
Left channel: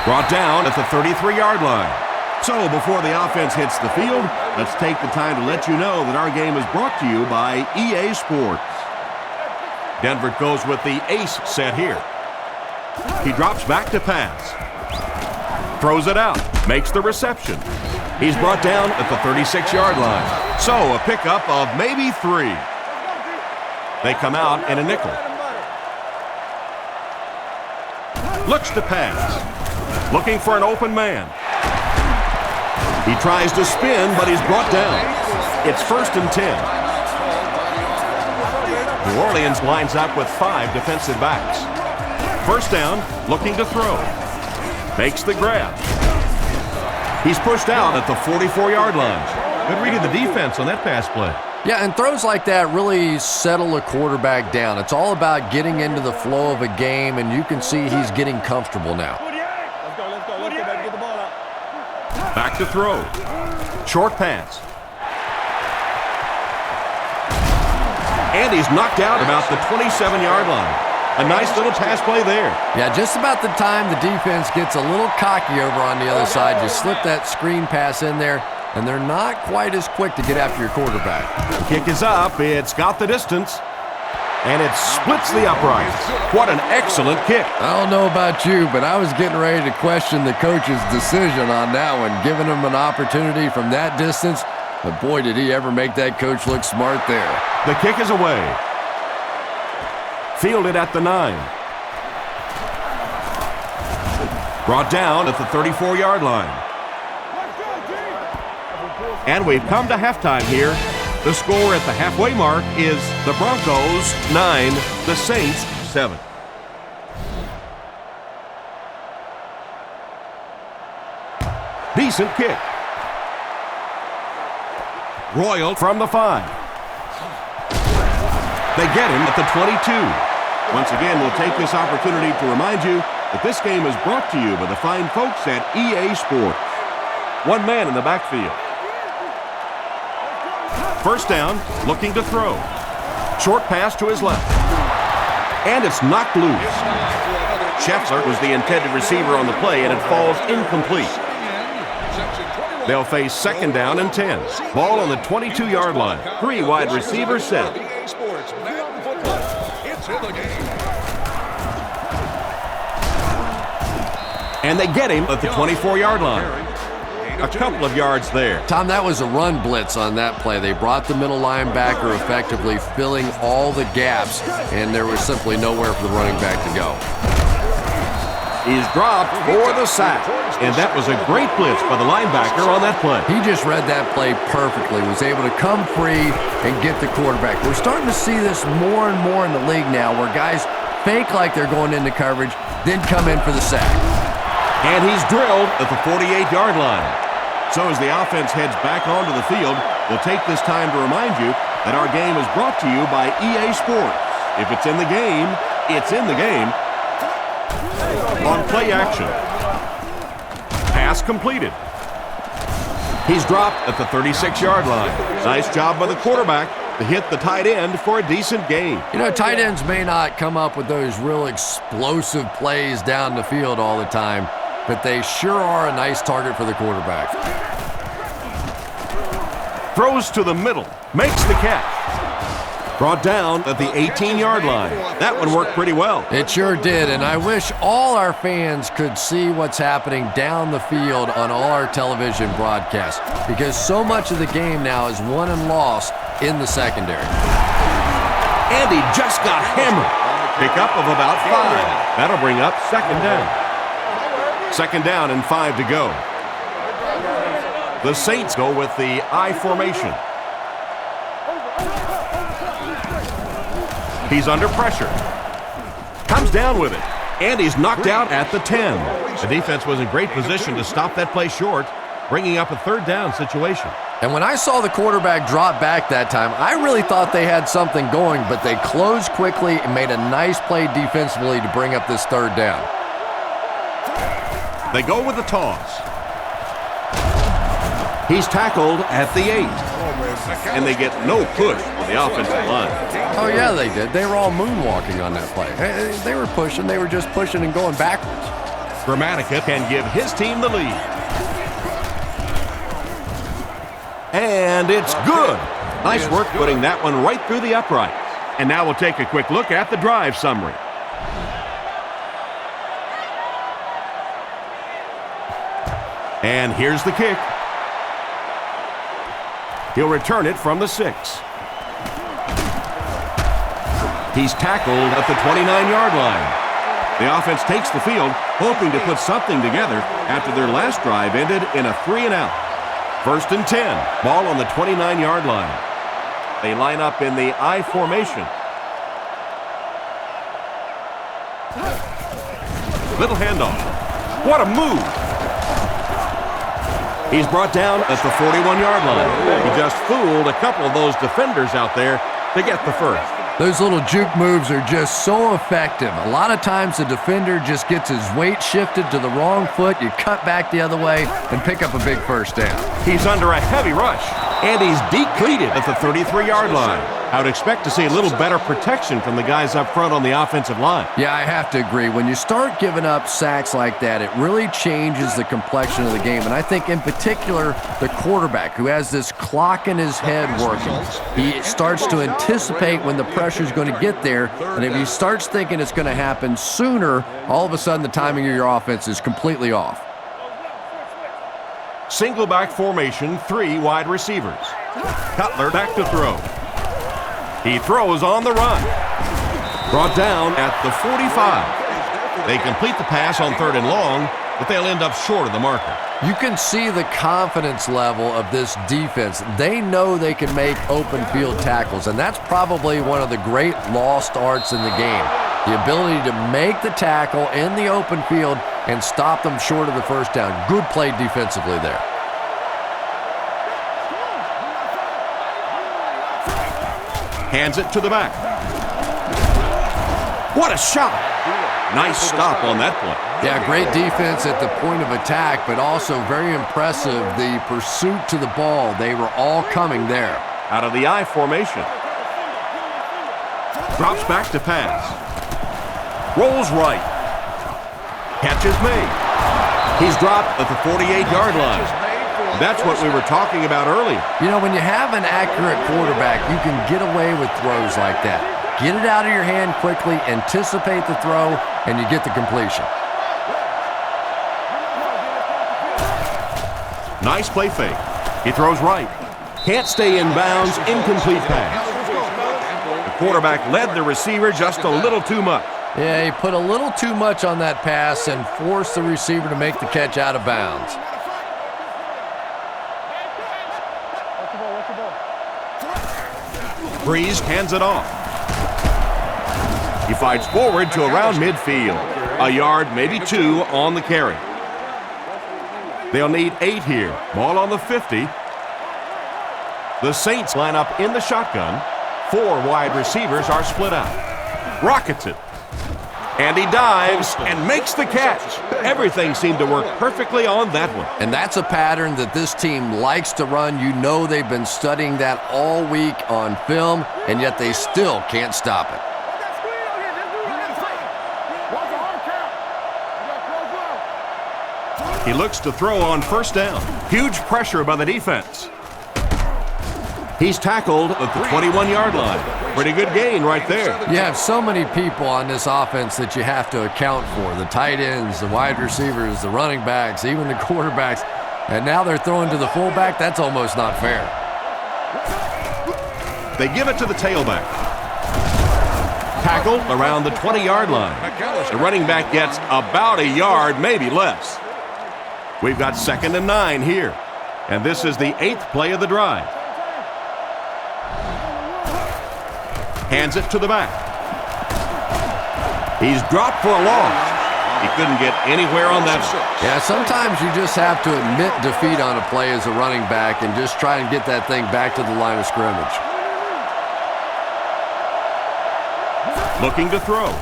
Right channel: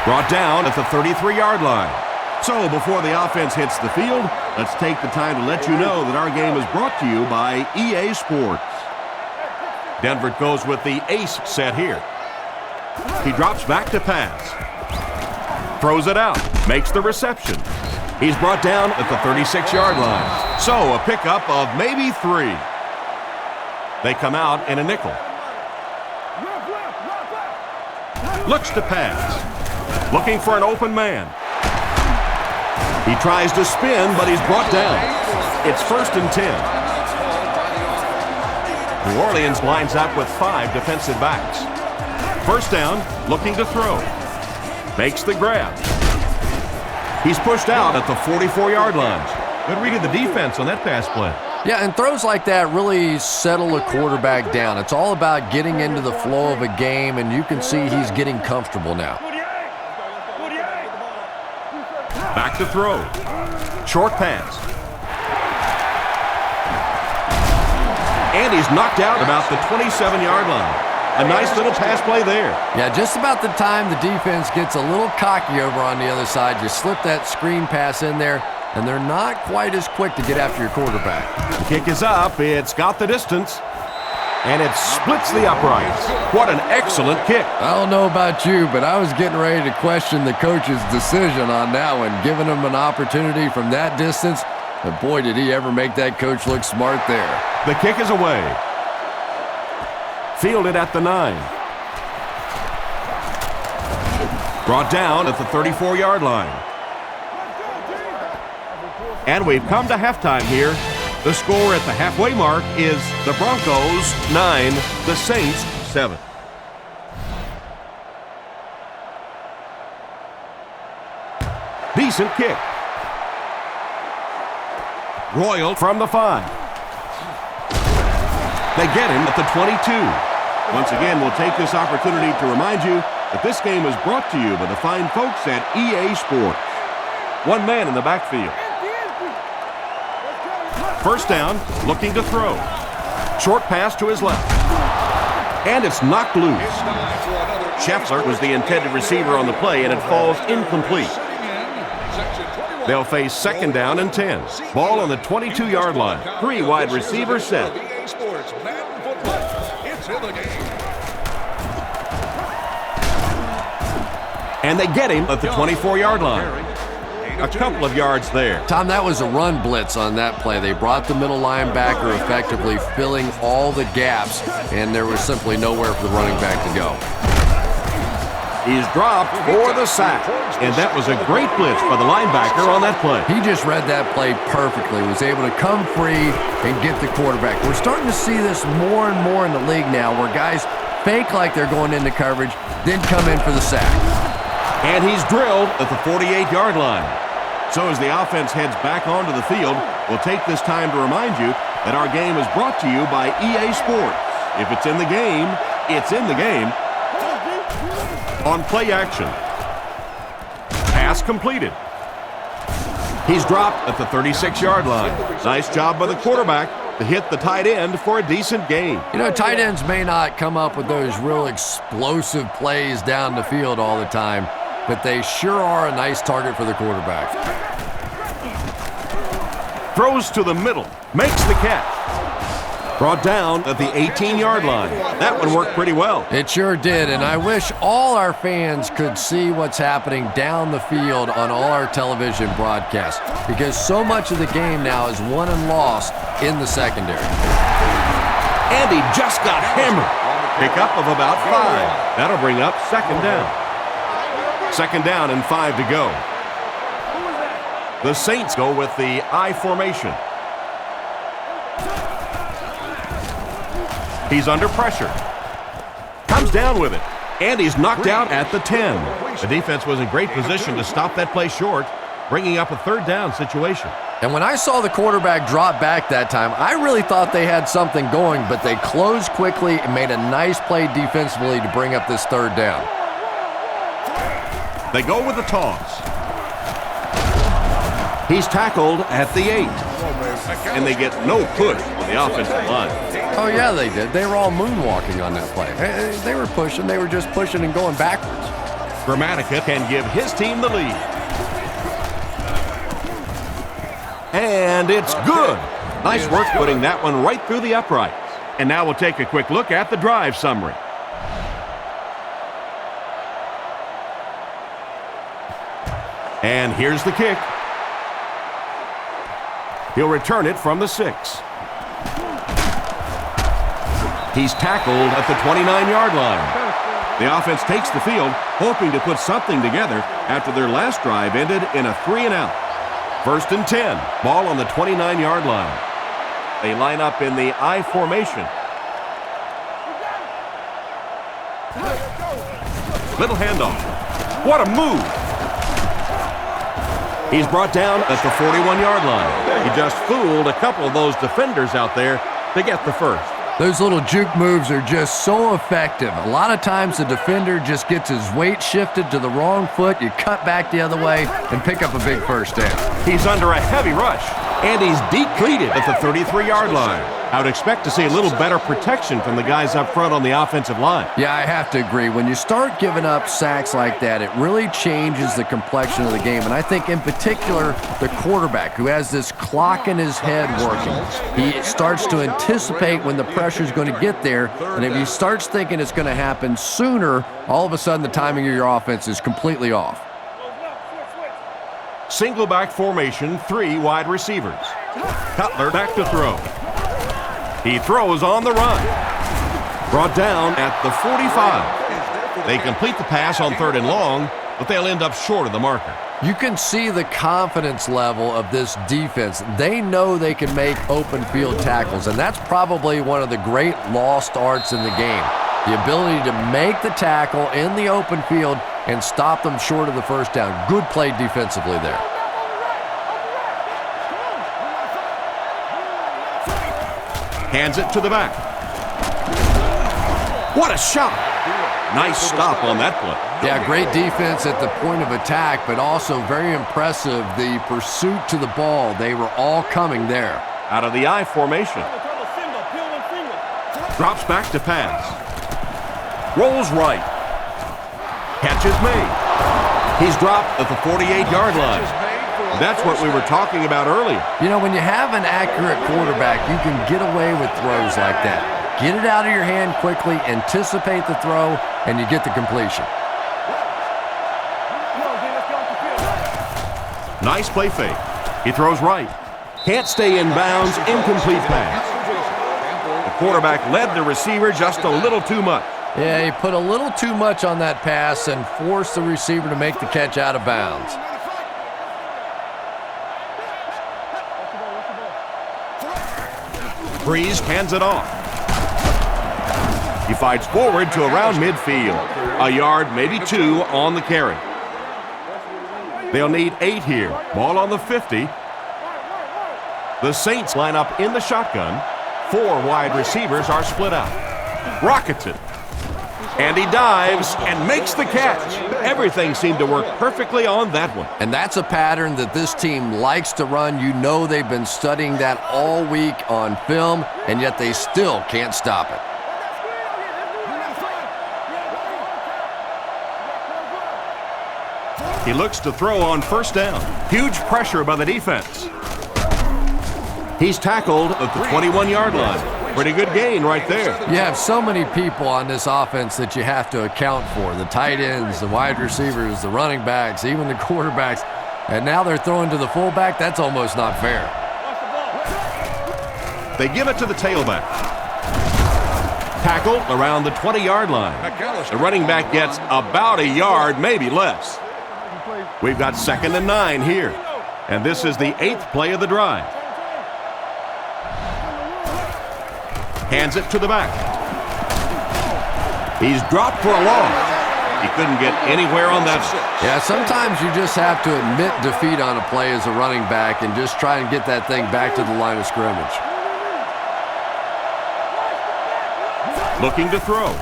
Brought down at the 33-yard line. So before the offense hits the field, let's take the time to let you know that our game is brought to you by EA Sports. Denver goes with the ace set here. He drops back to pass. Throws it out. Makes the reception. He's brought down at the 36-yard line. So a pickup of maybe 3. They come out in a nickel. Looks to pass. Looking for an open man. He tries to spin, but he's brought down. It's 1st and 10. New Orleans lines up with 5 defensive backs. 1st down, looking to throw. Makes the grab. He's pushed out at the 44-yard line. Good read of the defense on that pass play. Yeah, and throws like that really settle a quarterback down. It's all about getting into the flow of a game, and you can see he's getting comfortable now. Let's go, baby, get the ball out. Back to throw. Short pass. And he's knocked out about the 27-yard line. A nice little pass play there. Yeah, just about the time the defense gets a little cocky over on the other side, you slip that screen pass in there, and they're not quite as quick to get after your quarterback. The kick is up. It's got the distance. And it splits the uprights. What an excellent kick. I don't know about you, but I was getting ready to question the coach's decision on that one, giving him an opportunity from that distance. But boy, did he ever make that coach look smart there. The kick is away. Fielded at the 9. Brought down at the 34-yard line. And we've come to halftime here. The score at the halfway mark is the Broncos 9, the Saints 7. Decent kick. Royal from the 5. They get him at the 22. Once again, we'll take this opportunity to remind you that this game is brought to you by the fine folks at EA Sports. One man in the backfield. 1st down, looking to throw. Short pass to his left. And it's knocked loose. Scheffler was the intended receiver on the play, and it falls incomplete. They'll face 2nd down and 10. Ball on the 22-yard line. 3 wide receivers set. And they get him at the 24-yard line. A couple of yards there. Tom, that was a run blitz on that play. They brought the middle linebacker effectively filling all the gaps, and there was simply nowhere for the running back to go. He's dropped for the sack, and that was a great blitz by the linebacker on that play. He just read that play perfectly, was able to come free and get the quarterback. We're starting to see this more and more in the league now, where guys fake like they're going into coverage, then come in for the sack. And he's drilled at the 48-yard line. So as the offense heads back onto the field, we'll take this time to remind you that our game is brought to you by EA Sports. If it's in the game, it's in the game. On play action. Pass completed. He's dropped at the 36-yard line. Nice job by the quarterback to hit the tight end for a decent gain. You know, tight ends may not come up with those real explosive plays down the field all the time, but they sure are a nice target for the quarterback. Throws to the middle. Makes the catch. Brought down at the 18-yard line. That one worked pretty well. It sure did, and I wish all our fans could see what's happening down the field on all our television broadcasts, because so much of the game now is won and lost in the secondary. And he just got hammered. Pickup of about 5. That'll bring up 2nd down. 2nd down and 5 to go. The Saints go with the I formation. He's under pressure. Comes down with it. And he's knocked out at the 10. The defense was in great position to stop that play short, bringing up a 3rd down situation. And when I saw the quarterback drop back that time, I really thought they had something going, but they closed quickly and made a nice play defensively to bring up this 3rd down. They go with the toss. He's tackled at the 8. And they get no push for the offensive line. Oh, yeah, they did. They were all moonwalking on that play. They were pushing. They were just pushing and going backwards. Gramatica can give his team the lead. And it's good. Nice work putting that one right through the uprights. And now we'll take a quick look at the drive summary. And here's the kick. He'll return it from the 6. He's tackled at the 29-yard line. The offense takes the field, hoping to put something together after their last drive ended in a 3-and-out. 1st and 10, ball on the 29-yard line. They line up in the I formation. Little handoff. What a move! He's brought down at the 41-yard line. He just fooled a couple of those defenders out there to get the first. Those little juke moves are just so effective. A lot of times the defender just gets his weight shifted to the wrong foot. You cut back the other way and pick up a big first down. He's under a heavy rush, and he's deep-cleated at the 33-yard line. I would expect to see a little better protection from the guys up front on the offensive line. Yeah, I have to agree. When you start giving up sacks like that, it really changes the complexion of the game. And I think in particular, the quarterback who has this clock in his head working, he starts to anticipate when the pressure is going to get there. And if he starts thinking it's going to happen sooner, all of a sudden the timing of your offense is completely off. Single back formation, 3 wide receivers. Cutler back to throw. He throws on the run. Brought down at the 45. They complete the pass on 3rd and long, but they'll end up short of the marker. You can see the confidence level of this defense. They know they can make open field tackles, and that's probably one of the great lost arts in the game. The ability to make the tackle in the open field and stop them short of the first down. Good play defensively there. Hands it to the back. What a shot! Nice stop on that play. Yeah, great defense at the point of attack, but also very impressive the pursuit to the ball. They were all coming there. Out of the I formation. Drops back to pass. Rolls right. Catch is made. He's dropped at the 48-yard line. That's what we were talking about earlier. You know, when you have an accurate quarterback, you can get away with throws like that. Get it out of your hand quickly, anticipate the throw, and you get the completion. Nice play fake. He throws right. Can't stay in bounds, incomplete pass. The quarterback led the receiver just a little too much. Yeah, he put a little too much on that pass and forced the receiver to make the catch out of bounds. Breeze hands it off. He fights forward to around midfield. A yard, maybe 2 on the carry. They'll need 8 here. Ball on the 50. The Saints line up in the shotgun. 4 wide receivers are split out. Rockets it. And he dives and makes the catch. Everything seemed to work perfectly on that one. And that's a pattern that this team likes to run. You know they've been studying that all week on film, and yet they still can't stop it. He looks to throw on first down. Huge pressure by the defense. He's tackled at the 21-yard line. Pretty good gain right there. You have so many people on this offense that you have to account for. The tight ends, the wide receivers, the running backs, even the quarterbacks. And now they're throwing to the fullback. That's almost not fair. They give it to the tailback. Tackled around the 20-yard line. The running back gets about a yard, maybe less. We've got 2nd and 9 here. And this is the 8th play of the drive. Hands it to the back. He's dropped for a loss. He couldn't get anywhere on that. Yeah, sometimes you just have to admit defeat on a play as a running back and just try and get that thing back to the line of scrimmage. Looking to throw.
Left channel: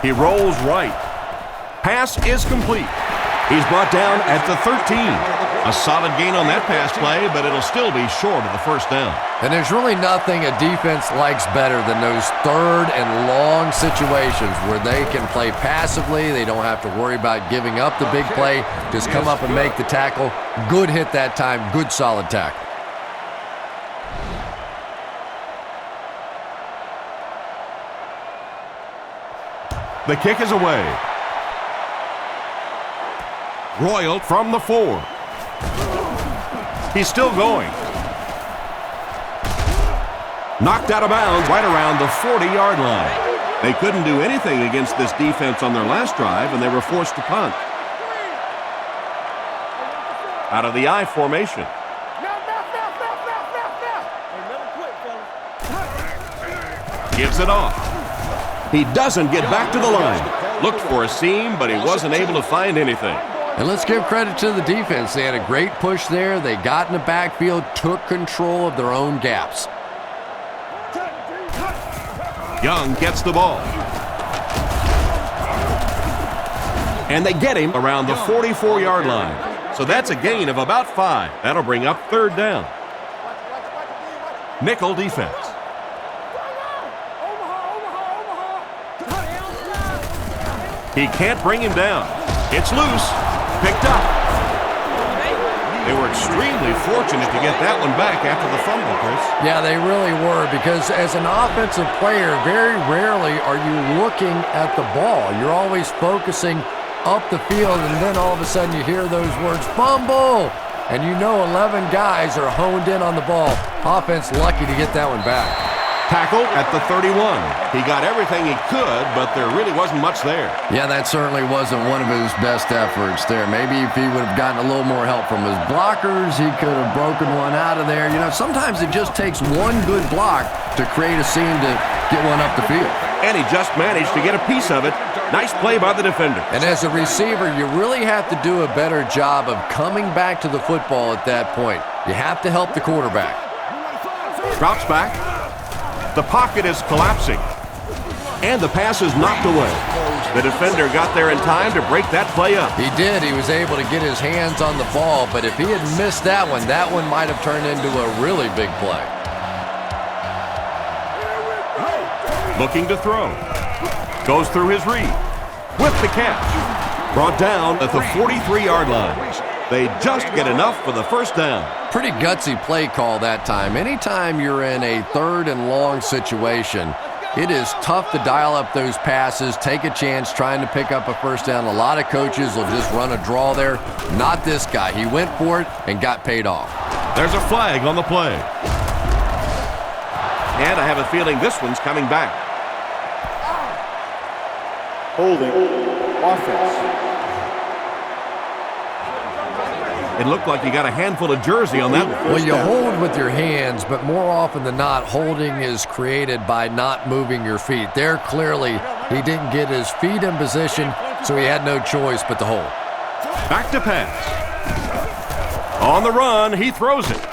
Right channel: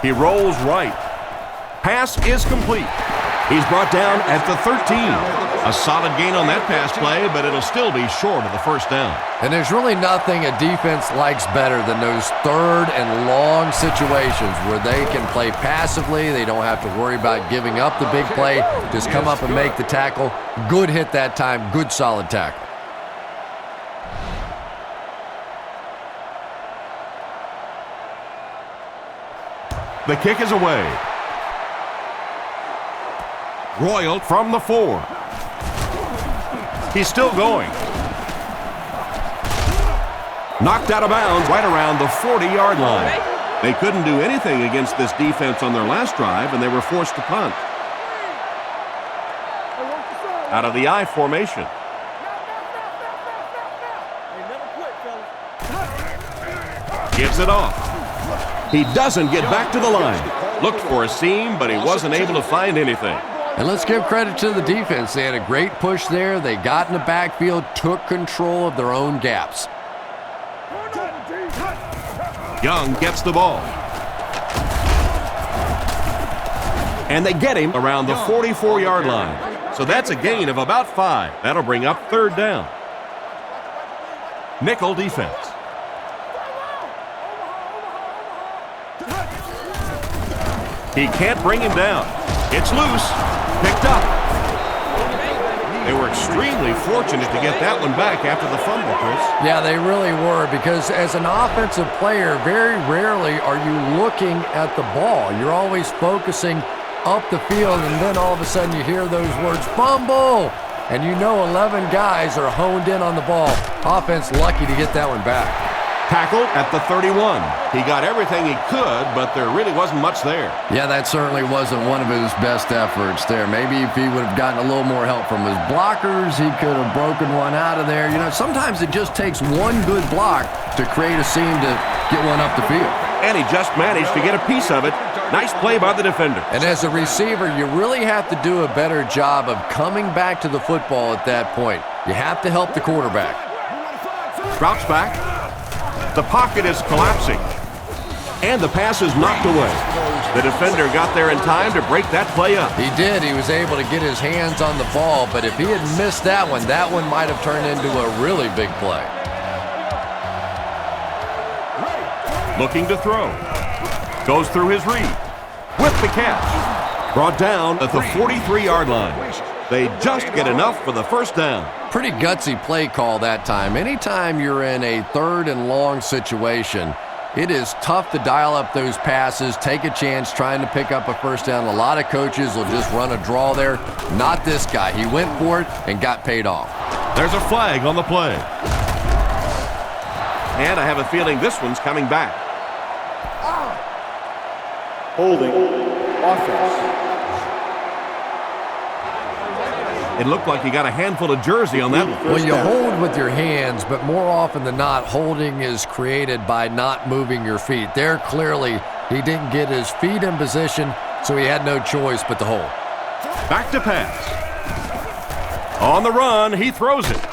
He rolls right. Pass is complete. He's brought down at the 13. A solid gain on that pass play, but it'll still be short of the first down. And there's really nothing a defense likes better than those third and long situations where they can play passively. They don't have to worry about giving up the big play. Just come up and make the tackle. Good hit that time. Good solid tackle. The kick is away. Royal from the 4. He's still going. Knocked out of bounds right around the 40-yard line. They couldn't do anything against this defense on their last drive, and they were forced to punt. Out of the I formation. Hey, never quit, fellas. Gives it off. He doesn't get back to the line. Looked for a seam, but he wasn't able to find anything. And let's give credit to the defense. They had a great push there. They got in the backfield, took control of their own gaps. Young gets the ball. And they get him around the 44-yard line. So that's a gain of about 5. That'll bring up third down. Nickel defense. He can't bring him down. It's loose. Picked up. They were extremely fortunate to get that one back after the fumble, Chris. Yeah, they really were, because as an offensive player, very rarely are you looking at the ball. You're always focusing up the field, and then all of a sudden you hear those words, fumble! And you know 11 guys are honed in on the ball. Offense lucky to get that one back. Tackled at the 31. He got everything he could, but there really wasn't much there. Yeah, that certainly wasn't one of his best efforts there. Maybe if he would have gotten a little more help from his blockers, he could have broken one out of there. You know, sometimes it just takes one good block to create a seam to get one up the field. And he just managed to get a piece of it. Nice play by the defender. And as a receiver, you really have to do a better job of coming back to the football at that point. You have to help the quarterback. Drops back. The pocket is collapsing. And the pass is knocked away. The defender got there in time to break that play up. He did. He was able to get his hands on the ball, but if he had missed that one might have turned into a really big play. Looking to throw. Goes through his read. With the catch. Brought down at the 43-yard line. They just get enough for the first down. Pretty gutsy play call that time. Anytime you're in a third and long situation, it is tough to dial up those passes, take a chance trying to pick up a first down. A lot of coaches will just run a draw there. Not this guy. He went for it and got paid off. There's a flag on the play. And I have a feeling this one's coming back. Holding. Offense. It looked like you got a handful of jersey on that one. Well, you hold with your hands, but more often than not, holding is created by not moving your feet. There, clearly, he didn't get his feet in position, so he had no choice but to hold. Back to pass. On the run, he throws it.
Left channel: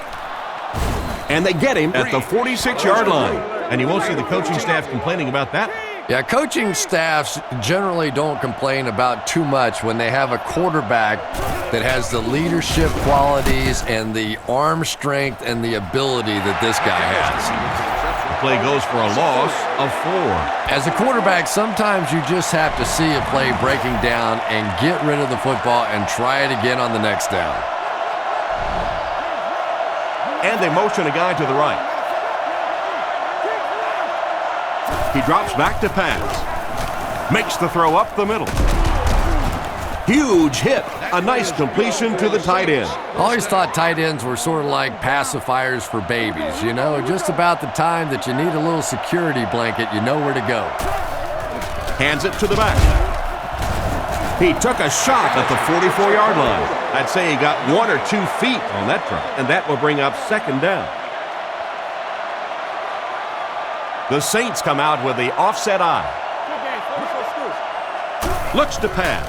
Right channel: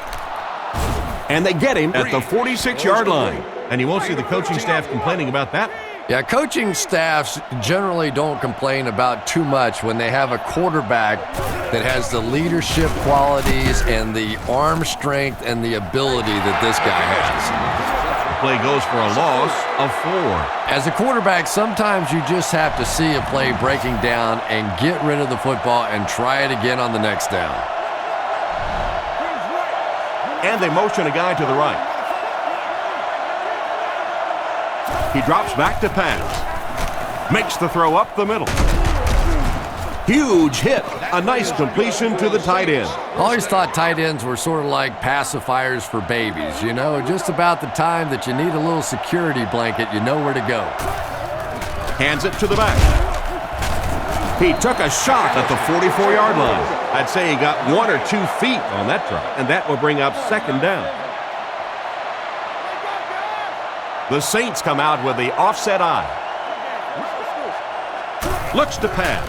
And they get him at the 46-yard line. And you won't see the coaching staff complaining about that. Yeah, coaching staffs generally don't complain about too much when they have a quarterback that has the leadership qualities and the arm strength and the ability that this guy has. The play goes for a loss of 4. As a quarterback, sometimes you just have to see a play breaking down and get rid of the football and try it again on the next down. And they motion a guy to the right. He drops back to pass. Makes the throw up the middle. Huge hit. A nice completion to the tight end. I always thought tight ends were sort of like pacifiers for babies. You know, just about the time that you need a little security blanket, you know where to go. Hands it to the back. He took a shot at the 44-yard line. I'd say he got 1 or 2 feet on that drop, and that will bring up second down. The Saints come out with the offset eye. Looks to pass.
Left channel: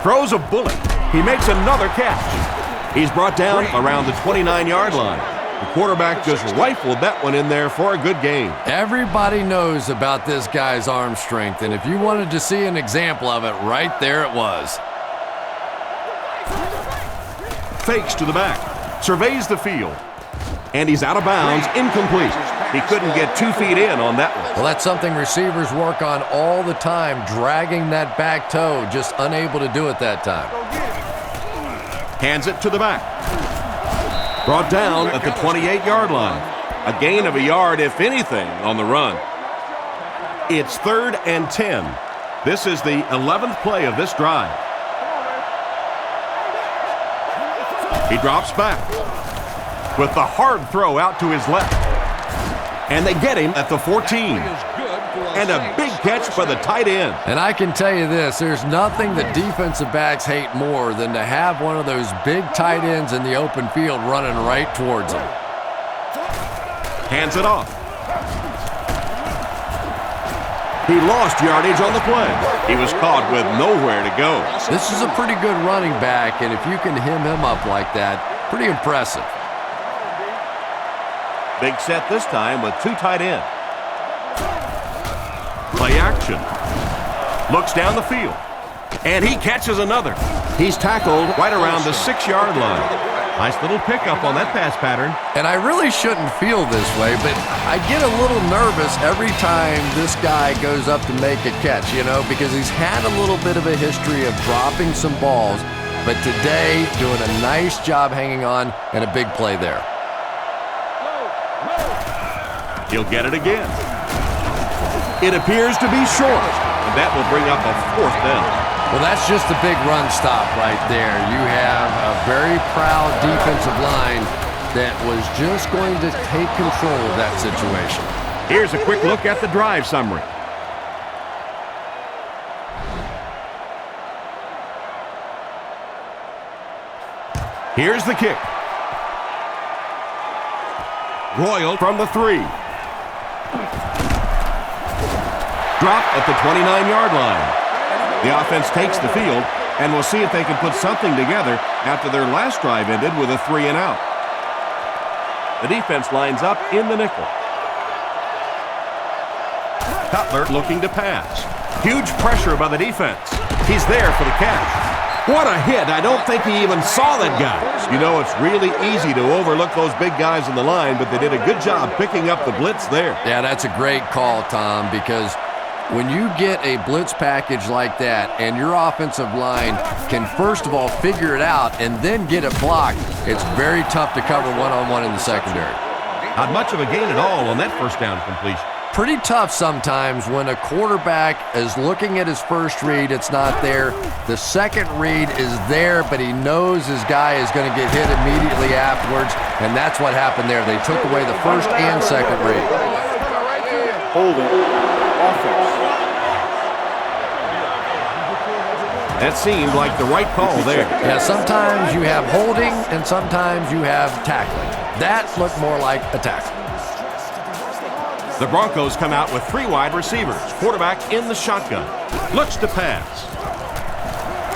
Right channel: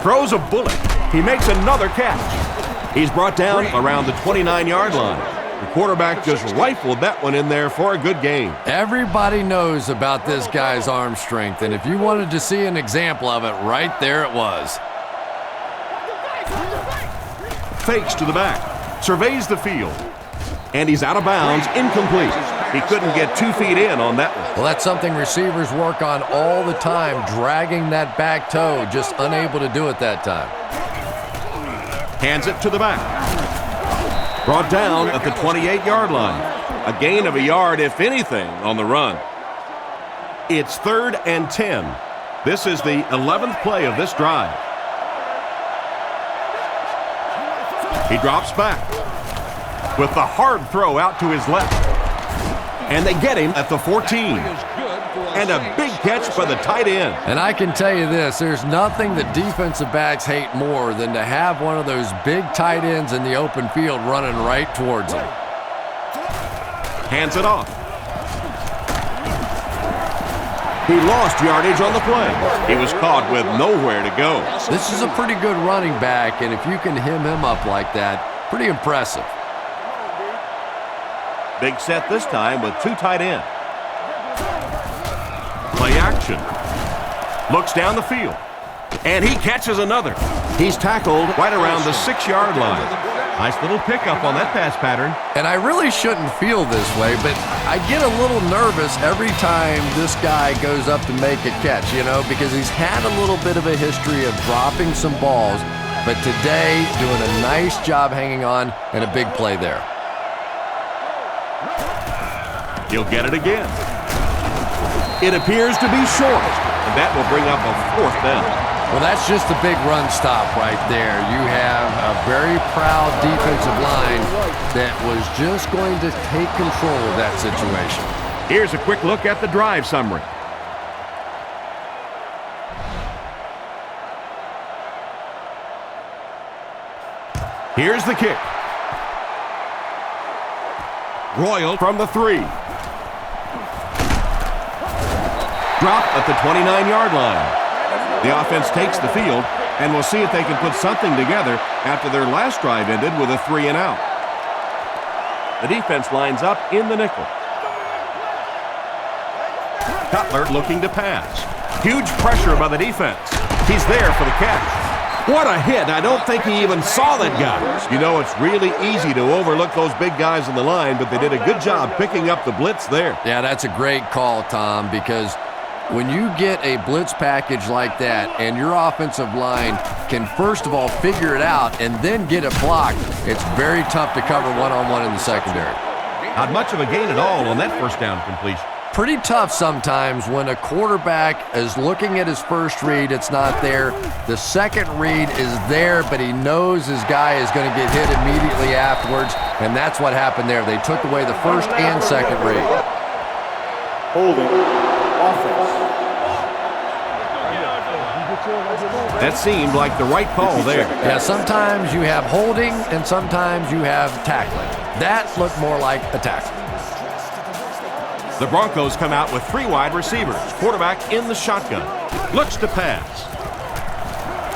Throws a bullet. He makes another catch. He's brought down around the 29-yard line. The quarterback just rifled that one in there for a good gain. Everybody knows about this guy's arm strength, and if you wanted to see an example of it, right there it was. fakes to the back, surveys the field, and he's out of bounds, incomplete. He couldn't get 2 feet in on that one. Well, that's something receivers work on all the time, dragging that back toe, just unable to do it that time. Hands it to the back. Brought down at the 28-yard line. A gain of a yard, if anything, on the run. It's 3rd and 10. This is the 11th play of this drive. He drops back with the hard throw out to his left. And they get him at the 14. And a big catch by the tight end. And I can tell you this, there's nothing that defensive backs hate more than to have one of those big tight ends in the open field running right towards them. Hands it off. He lost yardage on the play. He was caught with nowhere to go. This is a pretty good running back, and if you can hem him up like that, pretty impressive. Big set this time with 2 tight ends. Play action. Looks down the field. And he catches another. He's tackled right around the 6-yard line. Nice little pickup on that pass pattern. And I really shouldn't feel this way, but I get a little nervous every time this guy goes up to make a catch, you know, because he's had a little bit of a history of dropping some balls, but today doing a nice job hanging on and a big play there. He'll get it again. It appears to be short, and that will bring up a 4th down. Well, that's just a big run stop right there. You have a very proud defensive line that was just going to take control of that situation. Here's a quick look at the drive summary. Here's the kick. Royal from the 3. Drop at the 29-yard line. The offense takes the field, and we'll see if they can put something together after their last drive ended with a 3 and out. The defense lines up in the nickel. Cutler looking to pass. Huge pressure by the defense. He's there for the catch. What a hit. I don't think he even saw that guy. You know, it's really easy to overlook those big guys in the line, but they did a good job picking up the blitz there. Yeah, that's a great call, Tom, because when you get a blitz package like that and your offensive line can first of all figure it out and then get it blocked, it's very tough to cover one-on-one in the secondary. Not much of a gain at all on that first down completion. Pretty tough sometimes when a quarterback is looking at his first read, it's not there. The second read is there, but he knows his guy is going to get hit immediately afterwards, and that's what happened there. They took away the first and second read. Holding. Offense. That seemed like the right call there. Yeah, sometimes you have holding and sometimes you have tackling. That looked more like a tackle. The Broncos come out with 3 wide receivers. Quarterback in the shotgun. Looks to pass.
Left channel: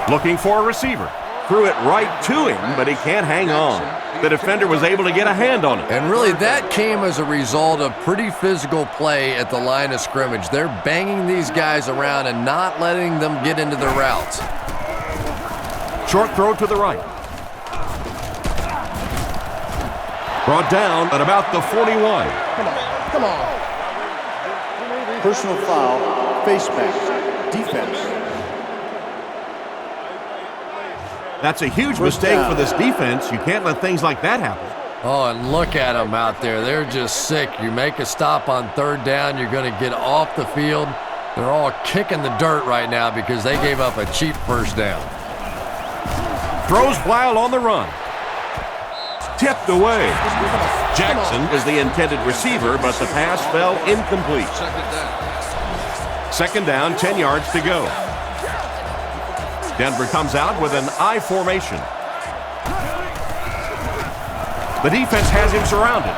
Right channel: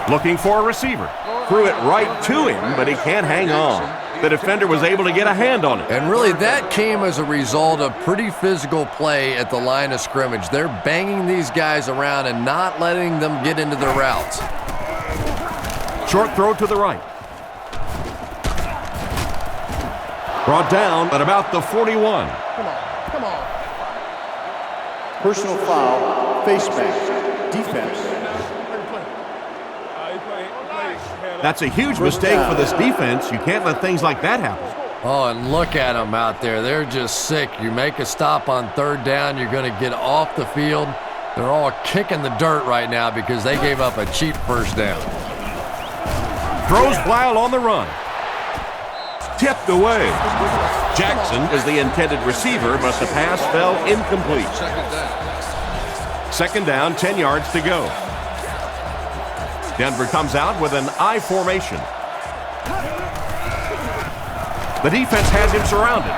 Looking for a receiver. Threw it right to him, but he can't hang on. The defender was able to get a hand on it. And really, that came as a result of pretty physical play at the line of scrimmage. They're banging these guys around and not letting them get into their routes. Short throw to the right. Brought down at about the 41. Come on. Personal foul. Face mask. Defense. That's a huge mistake for this defense. You can't let things like that happen. Oh, and look at them out there. They're just sick. You make a stop on 3rd down, you're going to get off the field. They're all kicking the dirt right now because they gave up a cheap first down. Throws while on the run. Tipped away. Jackson is the intended receiver, but the pass fell incomplete. 2nd down, 10 yards to go. Denver comes out with an I formation. The defense has him surrounded.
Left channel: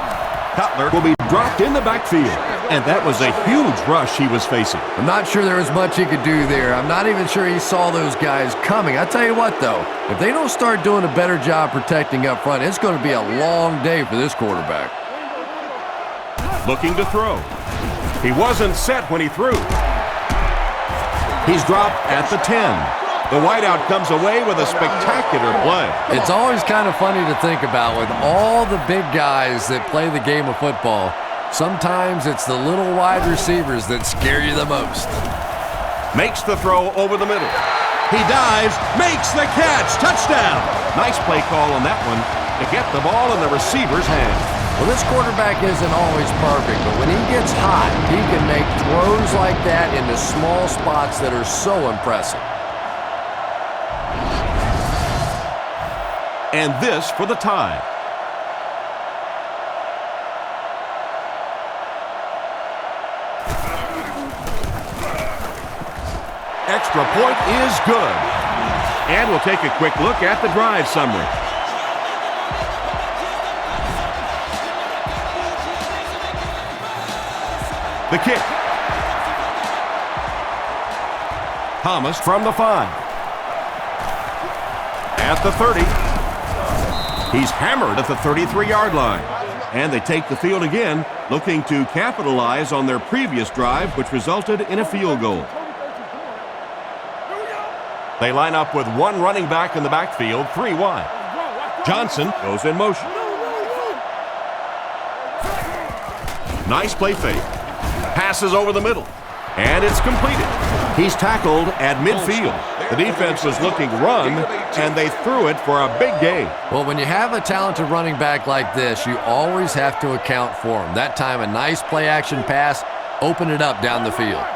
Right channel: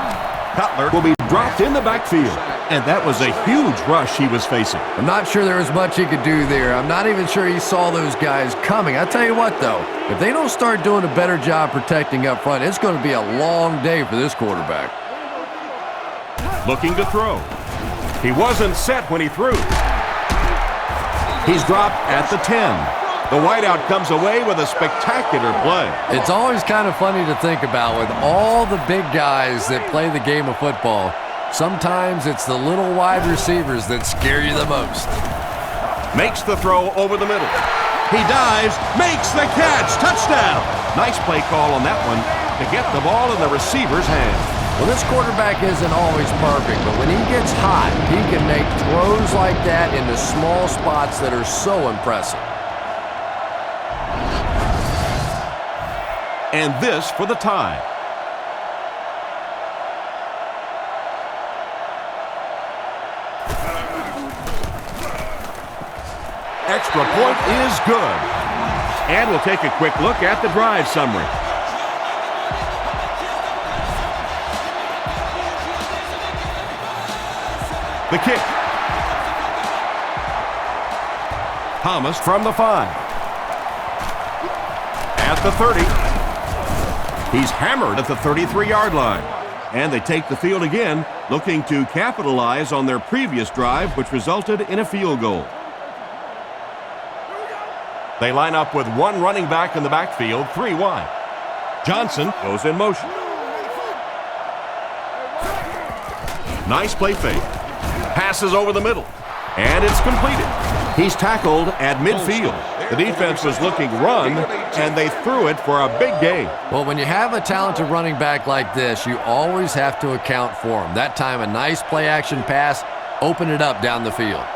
Cutler will be dropped in the backfield, and that was a huge rush he was facing. I'm not sure there was much he could do there. I'm not even sure he saw those guys coming. I tell you what, though, if they don't start doing a better job protecting up front, it's going to be a long day for this quarterback. Looking to throw. He wasn't set when he threw. He's dropped at the 10. The wideout comes away with a spectacular play. It's always kind of funny to think about with all the big guys that play the game of football. Sometimes it's the little wide receivers that scare you the most. Makes the throw over the middle. He dives, makes the catch, touchdown. Nice play call on that one to get the ball in the receiver's hand. Well, this quarterback isn't always perfect, but when he gets hot, he can make throws like that into small spots that are so impressive. And this for the tie. Extra point is good. And we'll take a quick look at the drive summary. The kick. Thomas from the 5. At the 30. He's hammered at the 33-yard line. And they take the field again, looking to capitalize on their previous drive, which resulted in a field goal. They line up with one running back in the backfield, 3 wide. Johnson goes in motion. Nice play fake. Passes over the middle. And it's completed. He's tackled at midfield. The defense was looking run, and they threw it for a big gain. Well, when you have a talented running back like this, you always have to account for him. That time, a nice play-action pass, open it up down the field.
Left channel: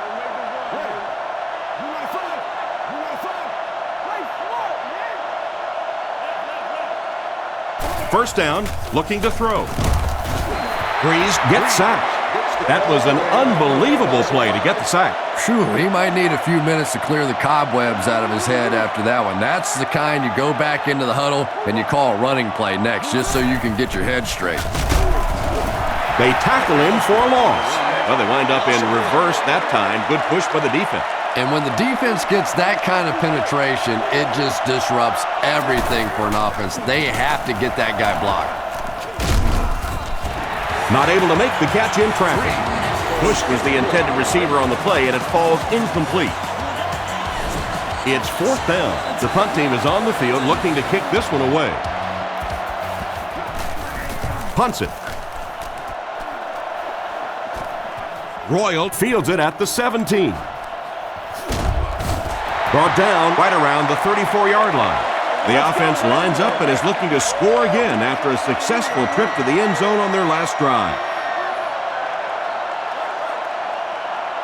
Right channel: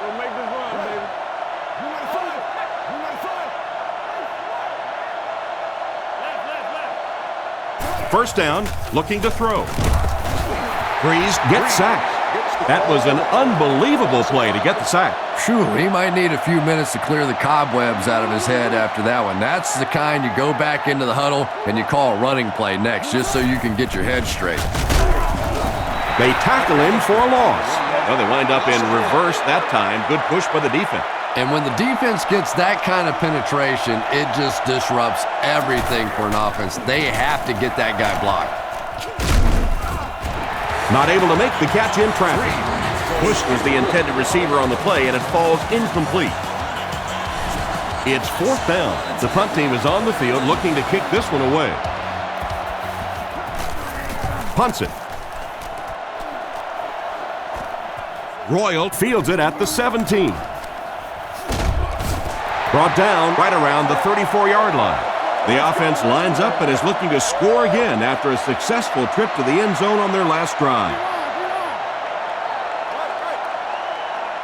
Don't make this run, baby. Do not fight. Do not fight. Play smart, man. Left. First down, looking to throw. Breeze gets sacked. That was an unbelievable play to get the sack. Phew, he might need a few minutes to clear the cobwebs out of his head after that one. That's the kind you go back into the huddle and you call a running play next just so you can get your head straight. They tackle him for a loss. Well, they wind up in reverse that time. Good push by the defense. And when the defense gets that kind of penetration, it just disrupts everything for an offense. They have to get that guy blocked. Not able to make the catch in traffic. Bush was the intended receiver on the play, and it falls incomplete. It's 4th down. The punt team is on the field looking to kick this one away. Punts it. Royal fields it at the 17. Brought down right around the 34-yard line. The offense lines up and is looking to score again after a successful trip to the end zone on their last drive.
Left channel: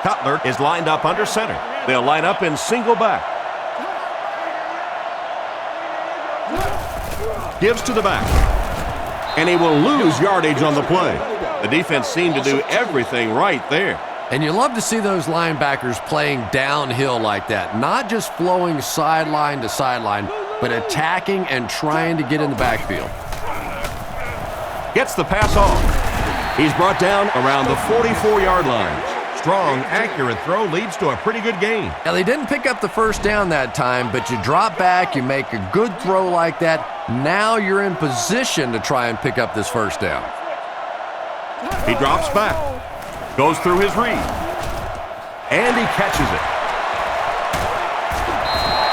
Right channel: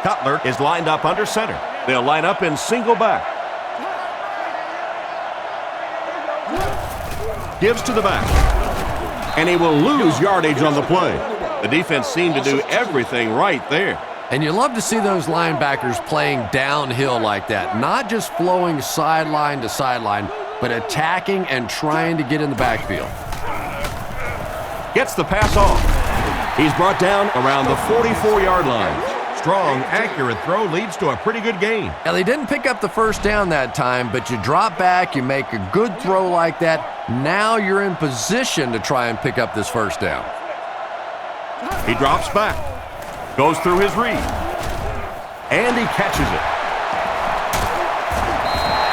Cutler is lined up under center. They'll line up in single back. Gives to the back. And he will lose yardage on the play. The defense seemed to do everything right there. And you love to see those linebackers playing downhill like that, not just flowing sideline to sideline, but attacking and trying to get in the backfield. Gets the pass off. He's brought down around the 44-yard line. Strong, accurate throw leads to a pretty good gain. Now, they didn't pick up the first down that time, but you drop back, you make a good throw like that. Now you're in position to try and pick up this first down. He drops back, goes through his read, and he catches it.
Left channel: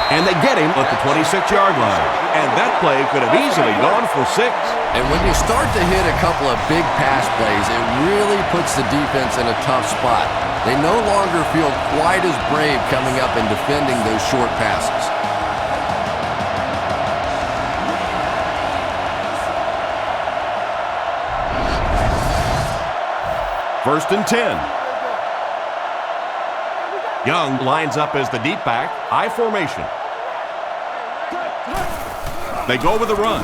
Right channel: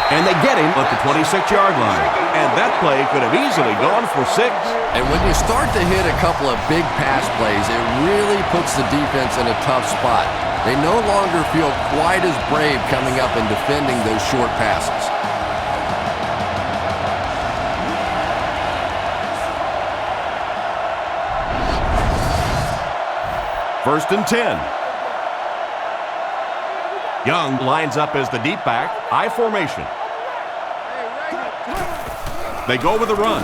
And they get him at the 26-yard line. And that play could have easily gone for 6. And when you start to hit a couple of big pass plays, it really puts the defense in a tough spot. They no longer feel quite as brave coming up and defending those short passes. First and 10. Young lines up as the deep back, I formation. They go with the run.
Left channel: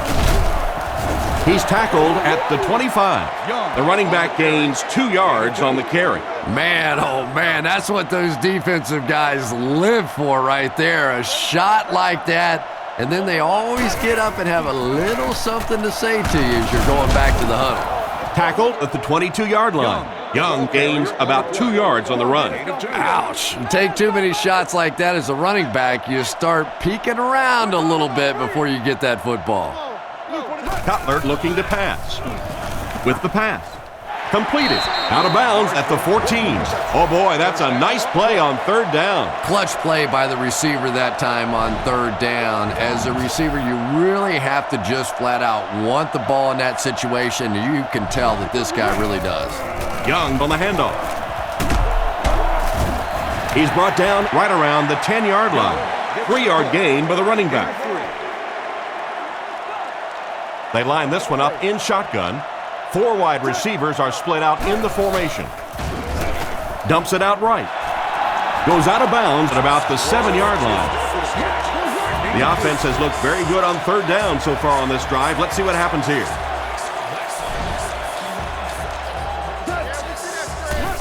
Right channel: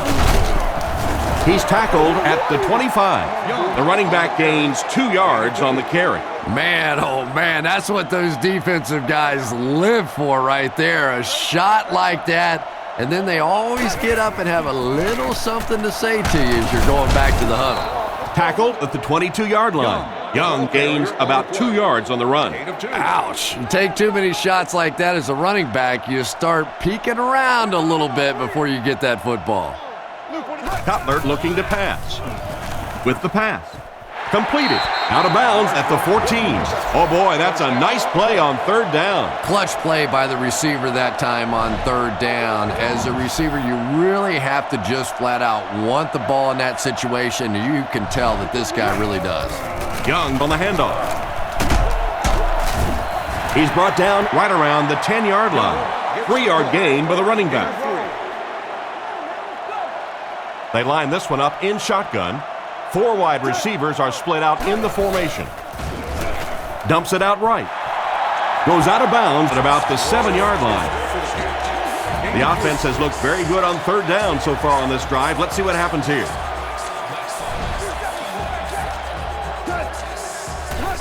He's tackled at the 25. The running back gains 2 yards on the carry. Man, oh man, that's what those defensive guys live for right there. A shot like that, and then they always get up and have a little something to say to you as you're going back to the huddle. Tackled at the 22-yard line. Young gains about 2 yards on the run. Ouch. You take too many shots like that as a running back, you start peeking around a little bit before you get that football. Cutler looking to pass. With the pass. Completed. Out of bounds at the 14. Oh, boy, that's a nice play on third down. Clutch play by the receiver that time on third down. As a receiver, you really have to just flat out want the ball in that situation. You can tell that this guy really does. Young on the handoff. He's brought down right around the 10-yard line. 3-yard gain by the running back. They line this one up in shotgun. 4 wide receivers are split out in the formation. Dumps it out right. Goes out of bounds at about the 7-yard line. The offense has looked very good on third down so far on this drive. Let's see what happens here.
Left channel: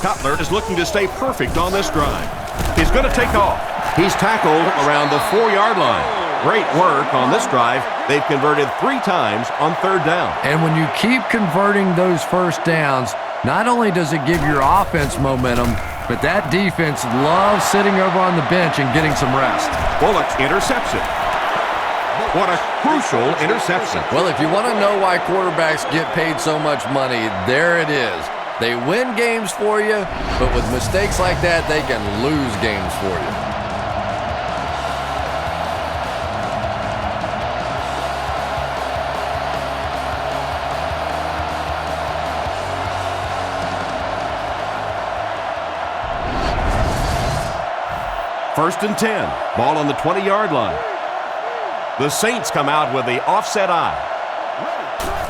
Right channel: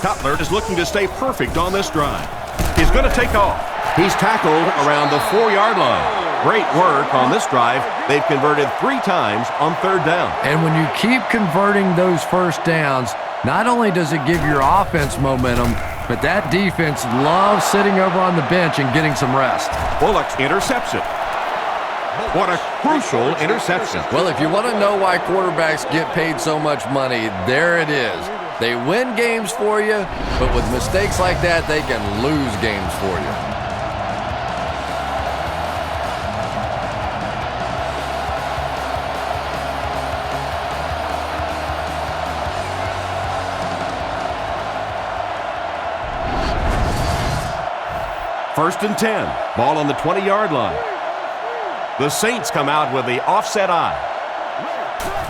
Cutler is looking to stay perfect on this drive. He's going to take off. He's tackled around the 4-yard line. Great work on this drive. They've converted 3 times on third down. And when you keep converting those first downs, not only does it give your offense momentum, but that defense loves sitting over on the bench and getting some rest. Bullock intercepts it. What a crucial interception. Well, if you want to know why quarterbacks get paid so much money, there it is. They win games for you, but with mistakes like that, they can lose games for you. First and 10. Ball on the 20-yard line. The Saints come out with the offset eye.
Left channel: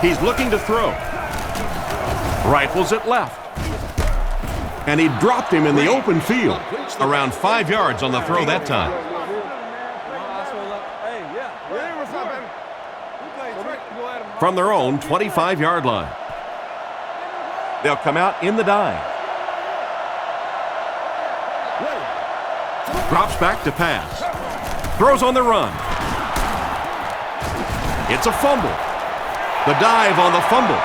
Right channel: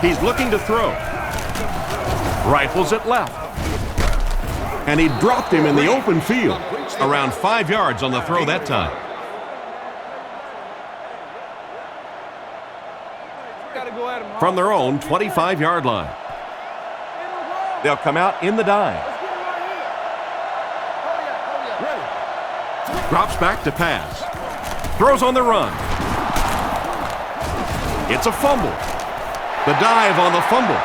He's looking to throw. Rifles it left. And he dropped him in the open field. Around 5 yards on the throw that time. From their own 25-yard line. They'll come out in the dime. Drops back to pass. Throws on the run. It's a fumble. The dive on the fumble.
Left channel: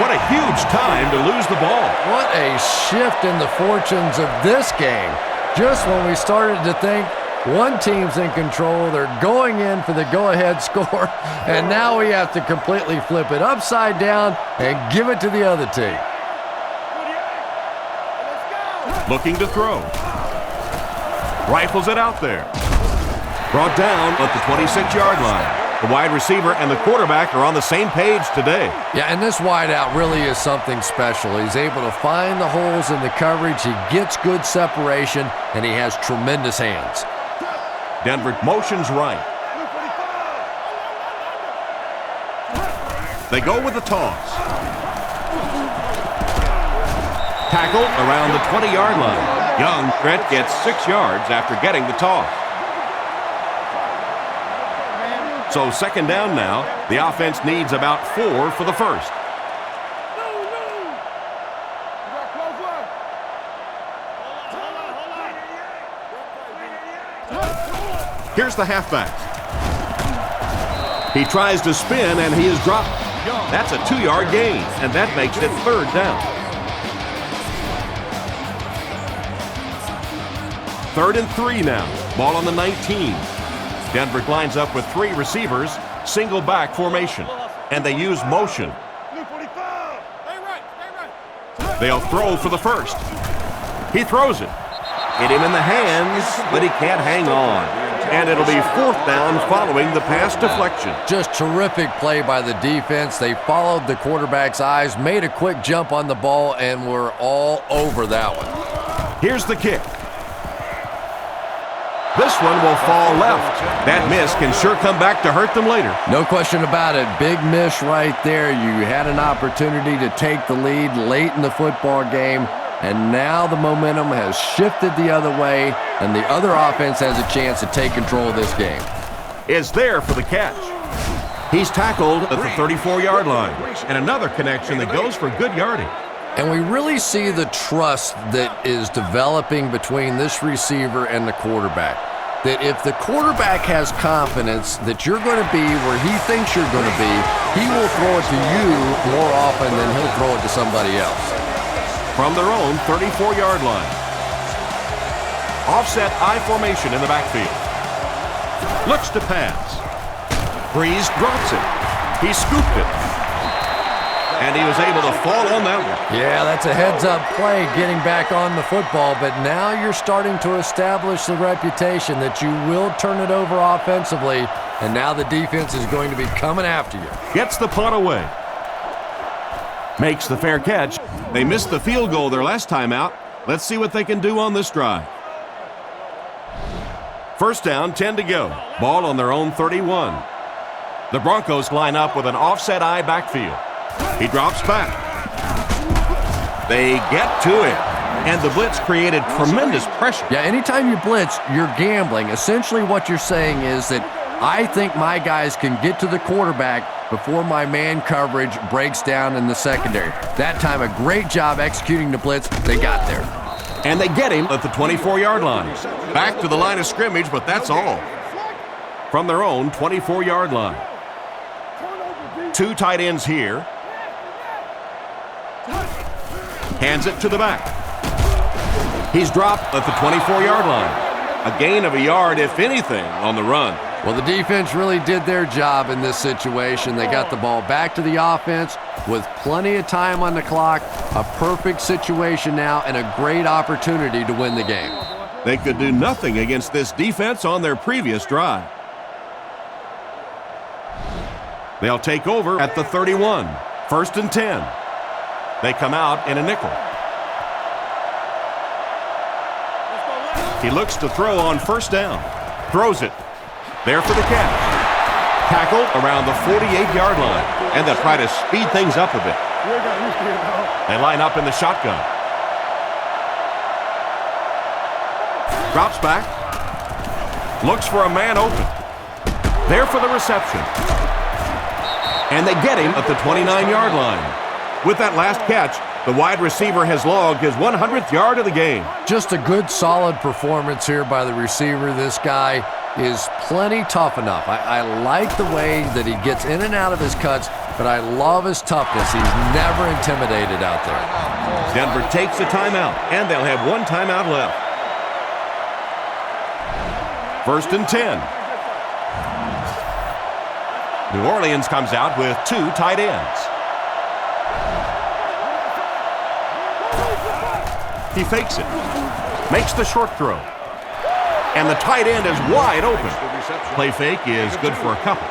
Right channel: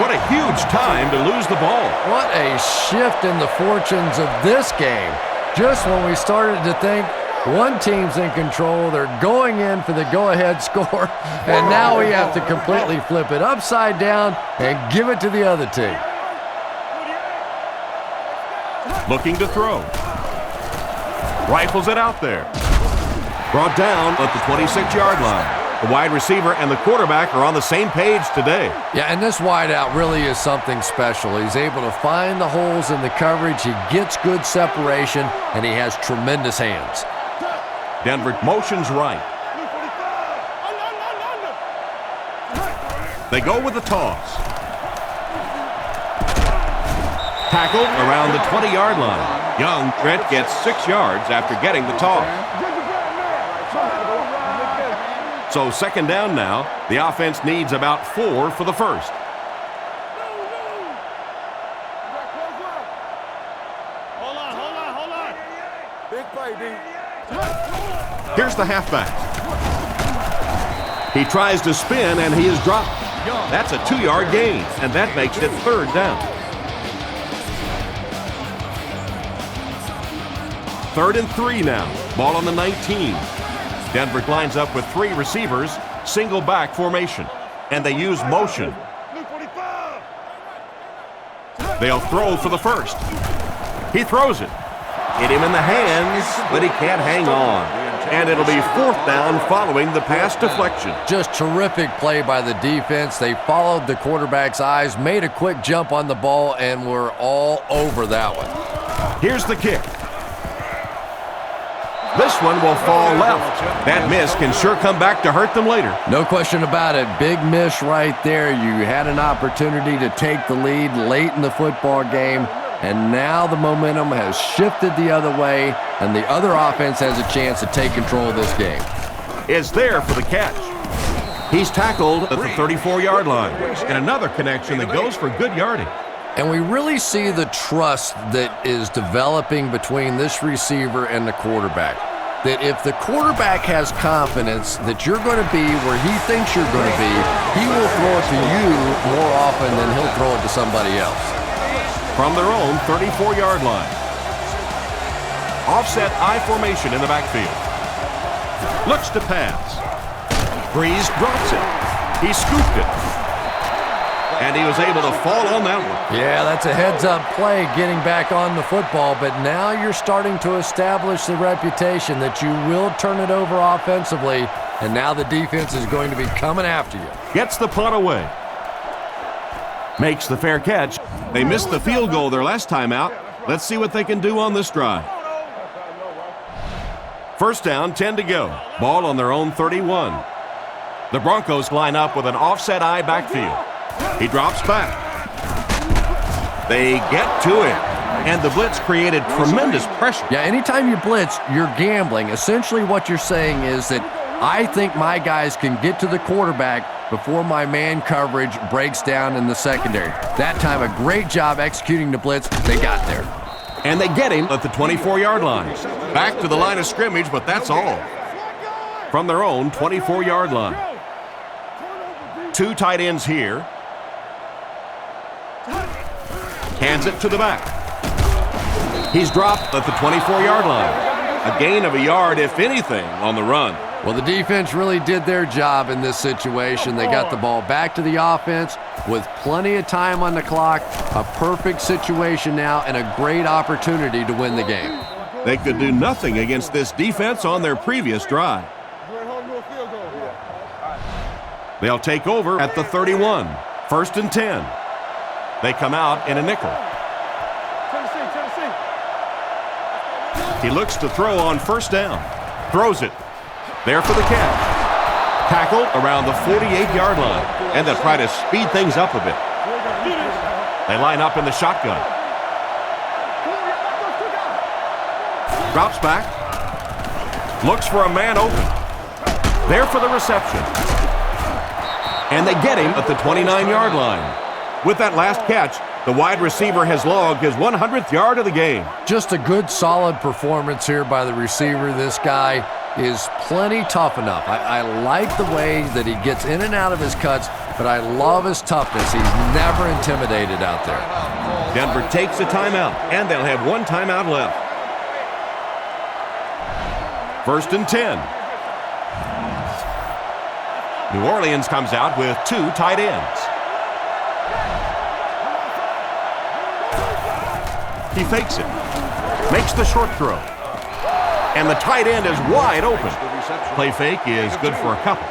What a huge time to lose the ball. What a shift in the fortunes of this game. Just when we started to think one team's in control, they're going in for the go-ahead score, and now we have to completely flip it upside down and give it to the other team. Looking to throw. Rifles it out there. Brought down at the 26-yard line. The wide receiver and the quarterback are on the same page today. Yeah, and this wideout really is something special. He's able to find the holes in the coverage. He gets good separation, and he has tremendous hands. Denver motions right. They go with the toss. Tackled around the 20-yard line. Young, Brett gets 6 yards after getting the toss. So second down now. The offense needs about 4 for the first. You got close one. Hold on. Big play, B. Here's the halfback. He tries to spin, and he is dropped. That's a 2-yard gain, and that makes it third down. 3rd and 3 now. Ball on the 19. Denver lines up with 3 receivers, single back formation, and they use motion. They'll throw for the first. He throws it. Hit him in the hands, but he can't hang on. And it'll be 4th down following the pass deflection. Just terrific play by the defense. They followed the quarterback's eyes, made a quick jump on the ball, and were all over that one. Here's the kick. This one will fall left. That miss can sure come back to hurt them later. No question about it. Big miss right there. You had an opportunity to take the lead late in the football game, and now the momentum has shifted the other way, and the other offense has a chance to take control of this game. Is there for the catch. He's tackled at the 34-yard line, and another connection that goes for good yardage. And we really see the trust that is developing between this receiver and the quarterback. That if the quarterback has confidence that you're going to be where he thinks you're going to be, he will throw it to you more often than he'll throw it to somebody else. From their own 34-yard line. Offset I formation in the backfield. Looks to pass. Breeze drops it. He scooped it. And he was able to fall on that one. Yeah, that's a heads-up play getting back on the football, but now you're starting to establish the reputation that you will turn it over offensively, and now the defense is going to be coming after you. Gets the punt away. Makes the fair catch. They missed the field goal their last time out. Let's see what they can do on this drive. First down, 10 to go. Ball on their own 31. The Broncos line up with an offset eye backfield. He drops back. They get to him. And the blitz created tremendous pressure. Yeah, anytime you blitz, you're gambling. Essentially what you're saying is that I think my guys can get to the quarterback before my man coverage breaks down in the secondary. That time, a great job executing the blitz. They got there. And they get him at the 24-yard line. Back to the line of scrimmage, but that's all. From their own 24-yard line. Two tight ends here. Hands it to the back. He's dropped at the 24-yard line. A gain of a yard, if anything, on the run. Well, the defense really did their job in this situation. They got the ball back to the offense with plenty of time on the clock, a perfect situation now, and a great opportunity to win the game. They could do nothing against this defense on their previous drive. They'll take over at the 31. First and 10. They come out in a nickel. He looks to throw on first down. Throws it. There for the catch. Tackled around the 48-yard line. And they'll try to speed things up a bit. They line up in the shotgun. Drops back. Looks for a man open. There for the reception. And they get him at the 29-yard line. With that last catch, the wide receiver has logged his 100th yard of the game. Just a good, solid performance here by the receiver. This guy is plenty tough enough. I like the way that he gets in and out of his cuts, but I love his toughness. He's never intimidated out there. Denver takes a timeout, and they'll have one timeout left. First and 10. New Orleans comes out with two tight ends. He fakes it, makes the short throw, and the tight end is wide open. Play fake is good for a couple.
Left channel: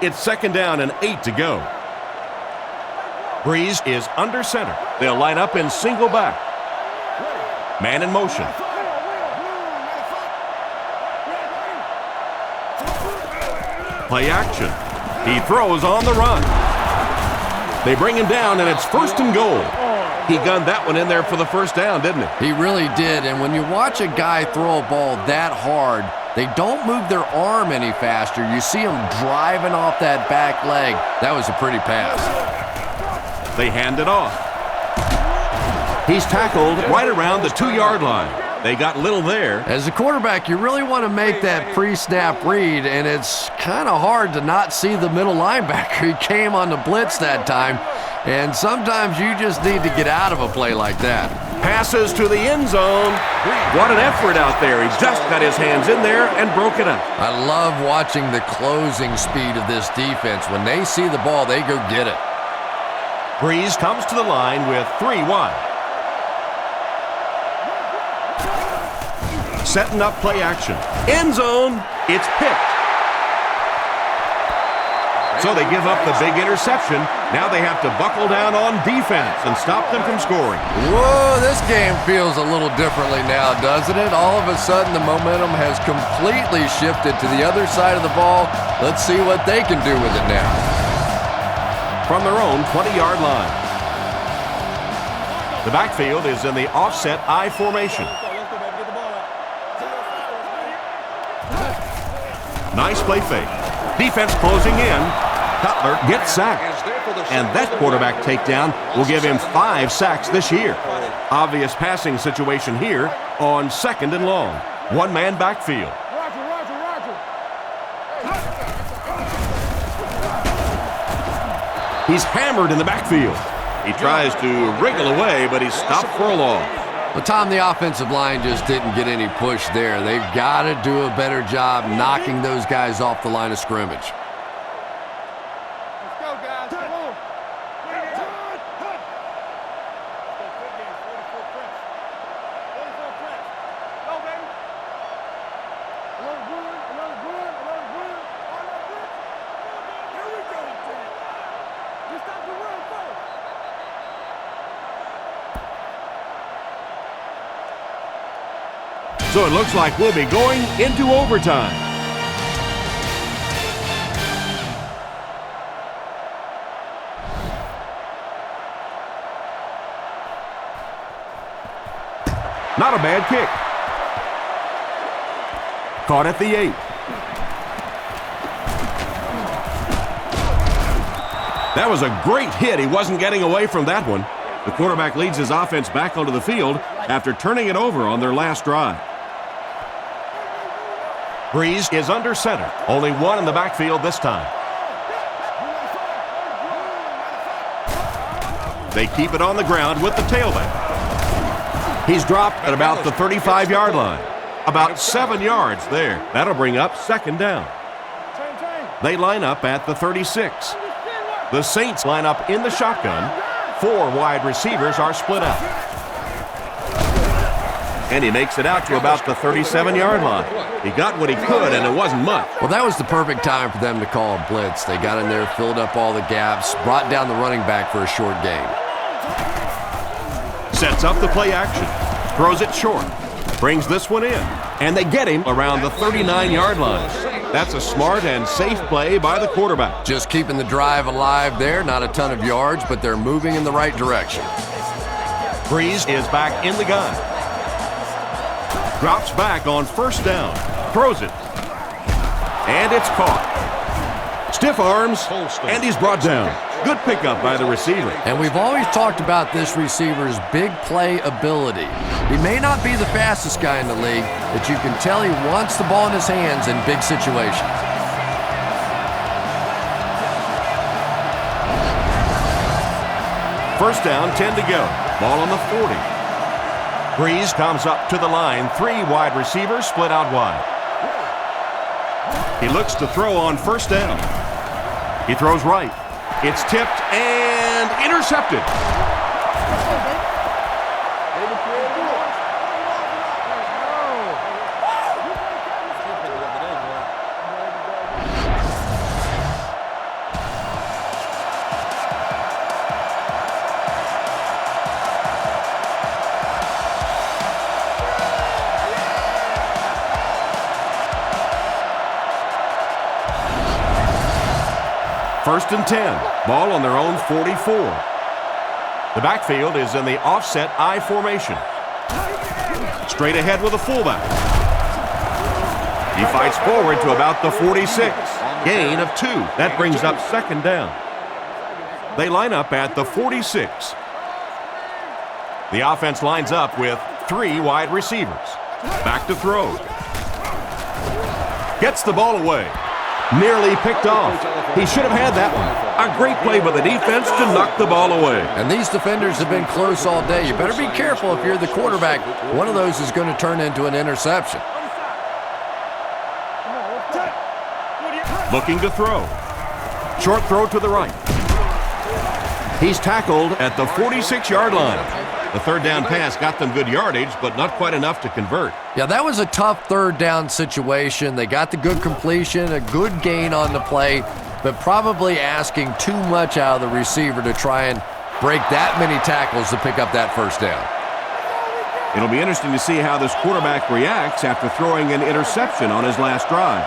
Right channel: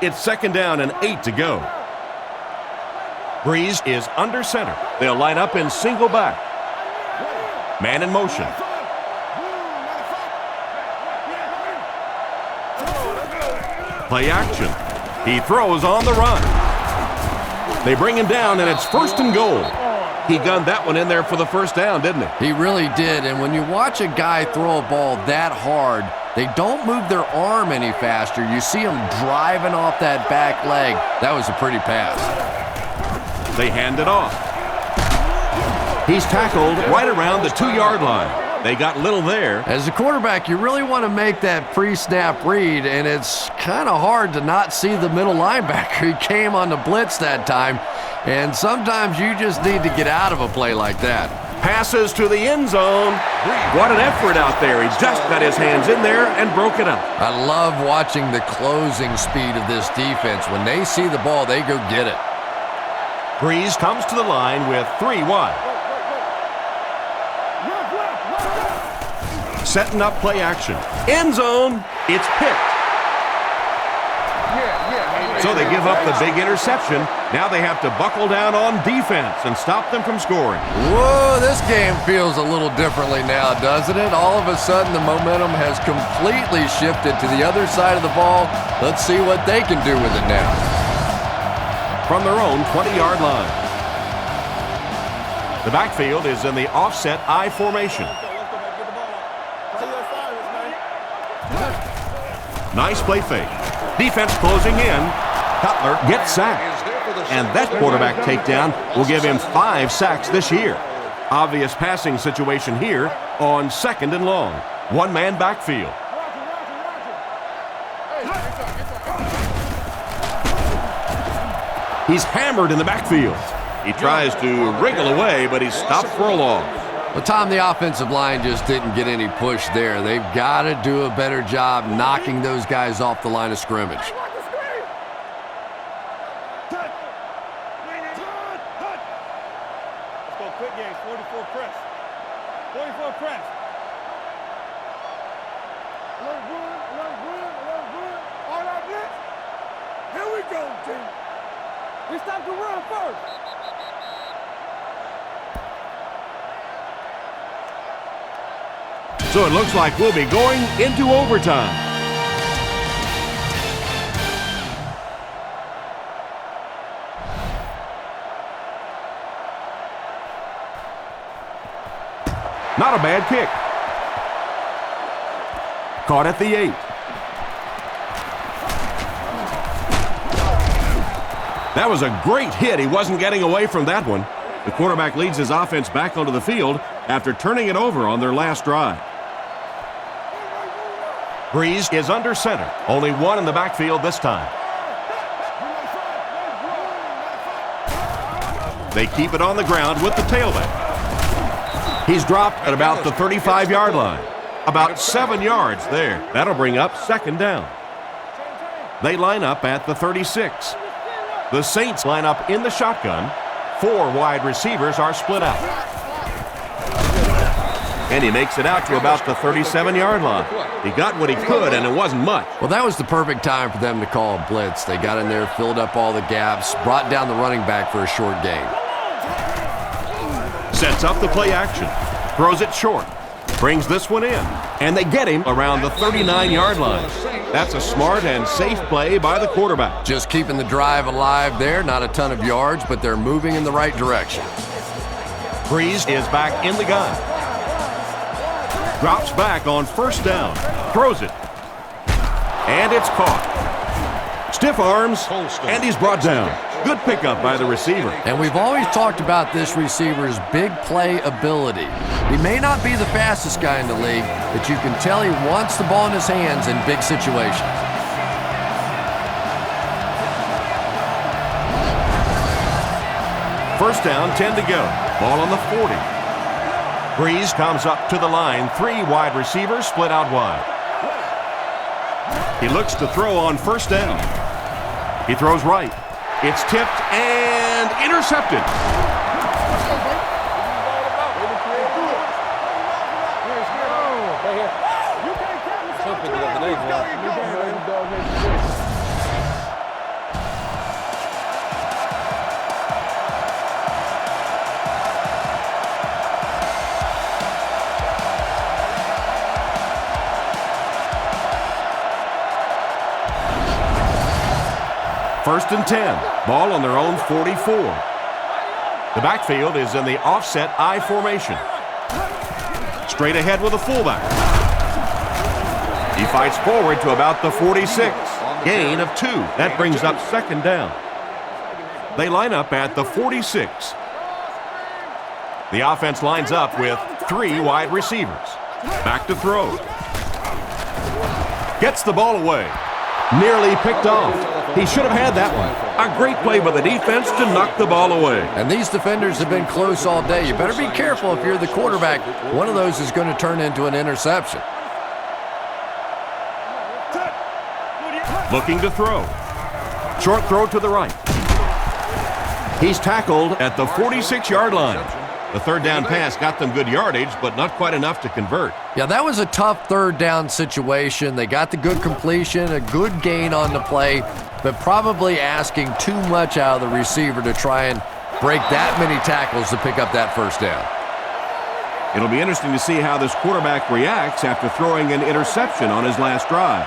It's second down and 8 to go. Breeze is under center. They'll line up in single back. Man in motion. Play action. He throws on the run. They bring him down, and it's first and goal. He gunned that one in there for the first down, didn't he? He really did, and when you watch a guy throw a ball that hard, they don't move their arm any faster. You see him driving off that back leg. That was a pretty pass. They hand it off. He's tackled right around the 2-yard line. They got little there. As a quarterback, you really want to make that pre-snap read, and it's kind of hard to not see the middle linebacker. He came on the blitz that time, and sometimes you just need to get out of a play like that. Passes to the end zone. What an effort out there. He just got his hands in there and broke it up. I love watching the closing speed of this defense. When they see the ball, they go get it. Breeze comes to the line with 3 wide. Setting up play action. End zone. It's picked. So they give up the big interception. Now they have to buckle down on defense and stop them from scoring. Whoa, this game feels a little differently now, doesn't it? All of a sudden, the momentum has completely shifted to the other side of the ball. Let's see what they can do with it now. From their own 20-yard line. The backfield is in the offset I formation. Nice play fake. Defense closing in. Cutler gets sacked. And that quarterback takedown will give him 5 sacks this year. Obvious passing situation here on second and long. One-man backfield. He's hammered in the backfield. He tries to wriggle away, but he's stopped for a loss. Well, Tom, the offensive line just didn't get any push there. They've got to do a better job knocking those guys off the line of scrimmage. Alert run, alert run, alert run. All our blitz. Here we go, team. We stop the run first. So it looks like we'll be going into overtime. Not a bad kick. Caught at the 8. That was a great hit. He wasn't getting away from that one. The quarterback leads his offense back onto the field after turning it over on their last drive. Breeze is under center. Only one in the backfield this time. They keep it on the ground with the tailback. He's dropped at about the 35-yard line. About 7 yards there. That'll bring up second down. They line up at the 36. The Saints line up in the shotgun. 4 wide receivers are split out. And he makes it out to about the 37-yard line. He got what he could, and it wasn't much. Well, that was the perfect time for them to call a blitz. They got in there, filled up all the gaps, brought down the running back for a short gain. Sets up the play action. Throws it short. Brings this one in. And they get him around the 39-yard line. That's a smart and safe play by the quarterback. Just keeping the drive alive there. Not a ton of yards, but they're moving in the right direction. Breeze is back in the gun. Drops back on first down. Throws it. And it's caught. Stiff arms, and he's brought down. Good pickup by the receiver. And we've always talked about this receiver's big play ability. He may not be the fastest guy in the league, but you can tell he wants the ball in his hands in big situations. First down, 10 to go. Ball on the 40. Breeze comes up to the line. 3 wide receivers split out wide. He looks to throw on first down. He throws right. It's tipped and intercepted. Let's go, baby. They the creative force. Right here. You can't catch me. She'll pick it up today, boy. First and 10. Ball on their own 44. The backfield is in the offset I formation. Straight ahead with a fullback. He fights forward to about the 46. Gain of 2. That brings up second down. They line up at the 46. The offense lines up with 3 wide receivers. Back to throw. Gets the ball away. Nearly picked off. He should have had that one. A great play by the defense to knock the ball away. And these defenders have been close all day. You better be careful if you're the quarterback. One of those is going to turn into an interception. Looking to throw. Short throw to the right. He's tackled at the 46-yard line. The third down pass got them good yardage, but not quite enough to convert. Yeah, that was a tough third down situation. They got the good completion, a good gain on the play, but probably asking too much out of the receiver to try and break that many tackles to pick up that first down. It'll be interesting to see how this quarterback reacts after throwing an interception on his last drive.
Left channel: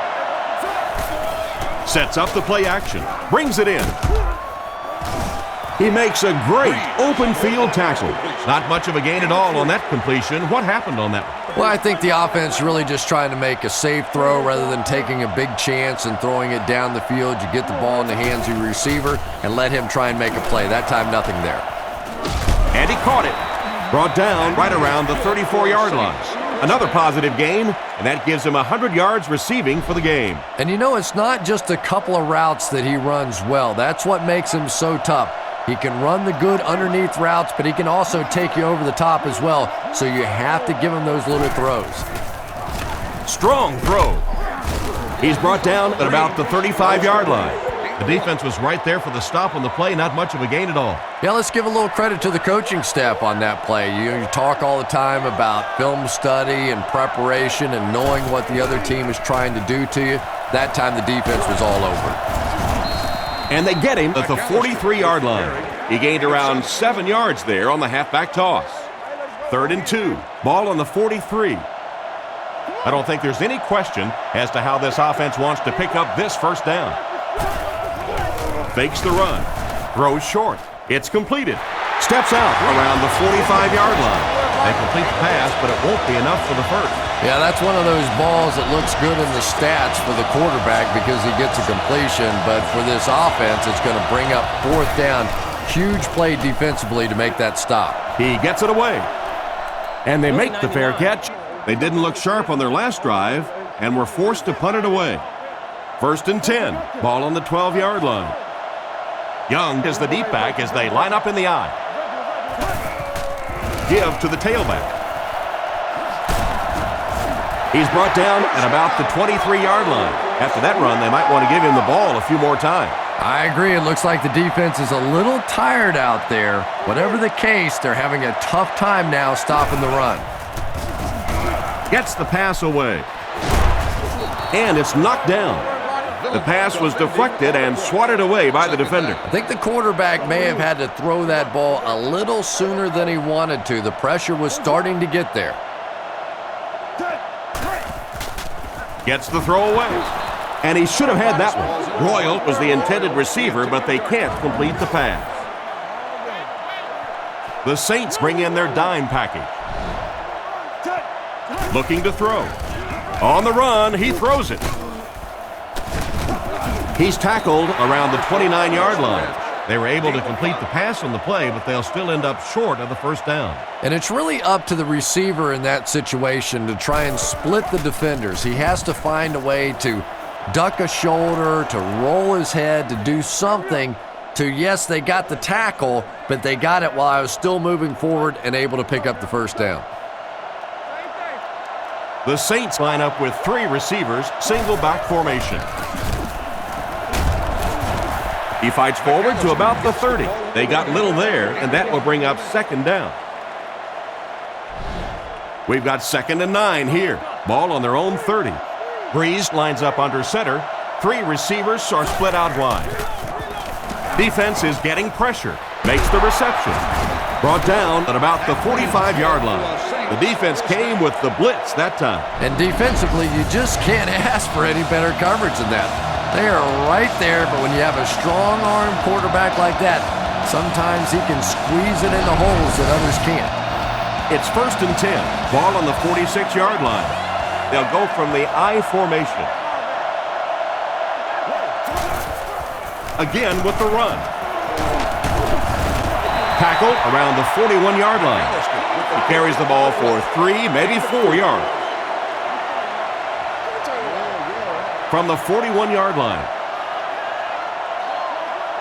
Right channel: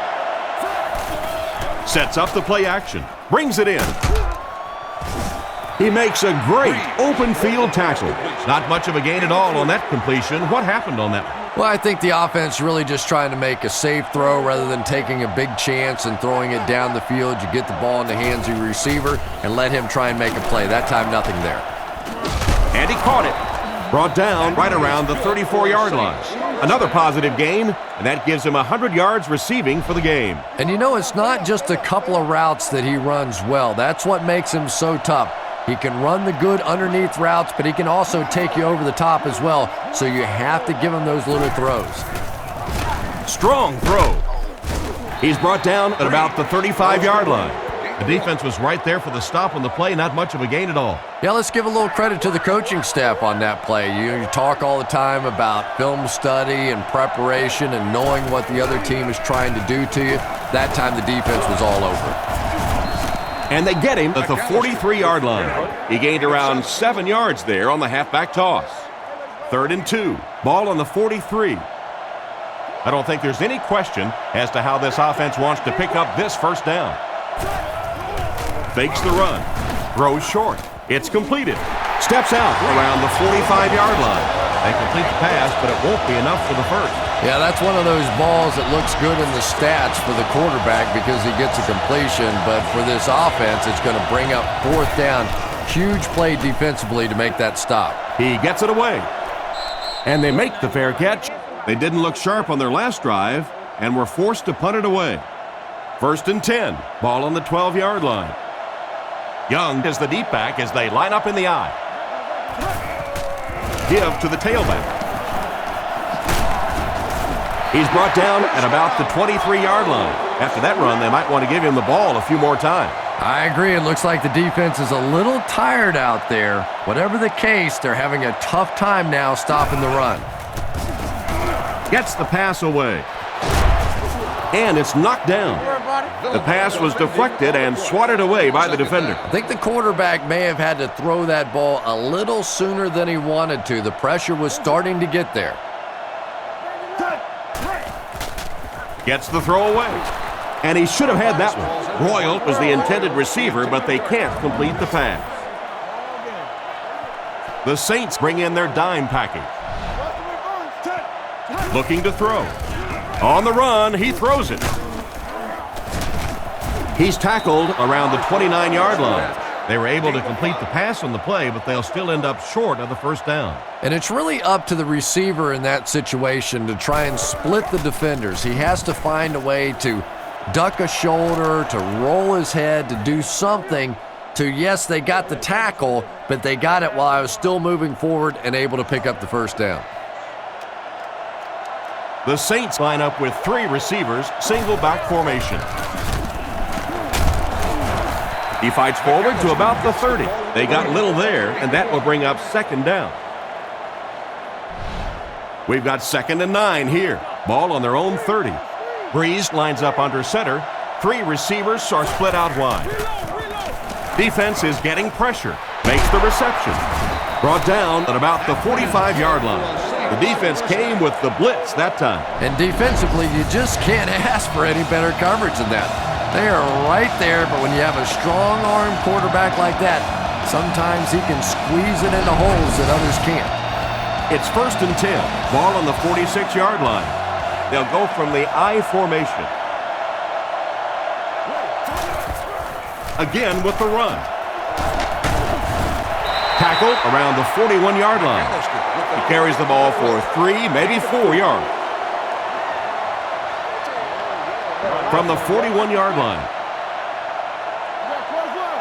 Sets up the play action. Brings it in. He makes a great open field tackle. Not much of a gain at all on that completion. What happened on that one? Well, I think the offense really just trying to make a safe throw rather than taking a big chance and throwing it down the field. You get the ball in the hands of your receiver and let him try and make a play. That time, nothing there. And he caught it. Brought down right around the 34-yard line. Another positive gain, and that gives him 100 yards receiving for the game. And you know, it's not just a couple of routes that he runs well. That's what makes him so tough. He can run the good underneath routes, but he can also take you over the top as well, so you have to give him those little throws. Strong throw. He's brought down at about the 35-yard line. The defense was right there for the stop on the play, not much of a gain at all. Yeah, let's give a little credit to the coaching staff on that play. You talk all the time about film study and preparation and knowing what the other team is trying to do to you. That time the defense was all over it. And they get him at the 43-yard line. He gained around 7 yards there on the halfback toss. 3rd and 2. Ball on the 43. I don't think there's any question as to how this offense wants to pick up this first down. Fakes the run. Throws short. It's completed. Steps out around the 45-yard line. They complete the pass, but it won't be enough for the first. Yeah, that's one of those balls that looks good in the stats for the quarterback because he gets a completion, but for this offense, it's going to bring up 4th down. Huge play defensively to make that stop. He gets it away. And they make the fair catch. They didn't look sharp on their last drive and were forced to punt it away. 1st and 10. Ball on the 12-yard line. Young is the deep back as they line up in the I. Give to the tailback. He's brought down at about the 23-yard line. After that run, they might want to give him the ball a few more times. I agree. It looks like the defense is a little tired out there. Whatever the case, they're having a tough time now stopping the run. Gets the pass away. And it's knocked down. The pass was deflected and swatted away by the defender. I think the quarterback may have had to throw that ball a little sooner than he wanted to. The pressure was starting to get there. Gets the throw away. And he should have had that one. Royal was the intended receiver, but they can't complete the pass. The Saints bring in their dime package. Looking to throw. On the run, he throws it. He's tackled around the 29-yard line. They were able to complete the pass on the play, but they'll still end up short of the first down. And it's really up to the receiver in that situation to try and split the defenders. He has to find a way to duck a shoulder, to roll his head, to do something to, yes, they got the tackle, but they got it while I was still moving forward and able to pick up the first down. The Saints line up with 3 receivers, single back formation. He fights forward to about the 30. They got little there, and that will bring up 2nd down. We've got 2nd and 9 here. Ball on their own 30. Breeze lines up under center. 3 receivers are split out wide. Defense is getting pressure. Makes the reception. Brought down at about the 45-yard line. The defense came with the blitz that time. And defensively, you just can't ask for any better coverage than that. They are right there, but when you have a strong-arm quarterback like that, sometimes he can squeeze it into holes that others can't. It's 1st and 10. Ball on the 46-yard line. They'll go from the I formation. Again with the run. Tackle around the 41-yard line. He carries the ball for 3, maybe 4 yards. From the 41-yard line.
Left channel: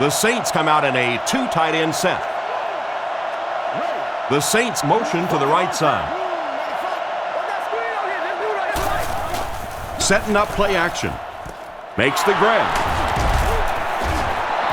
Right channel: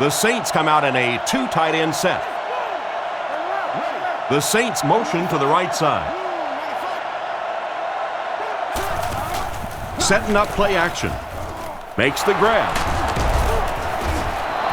The Saints come out in a 2 tight end set. The Saints motion to the right side. Setting up play action. Makes the grab.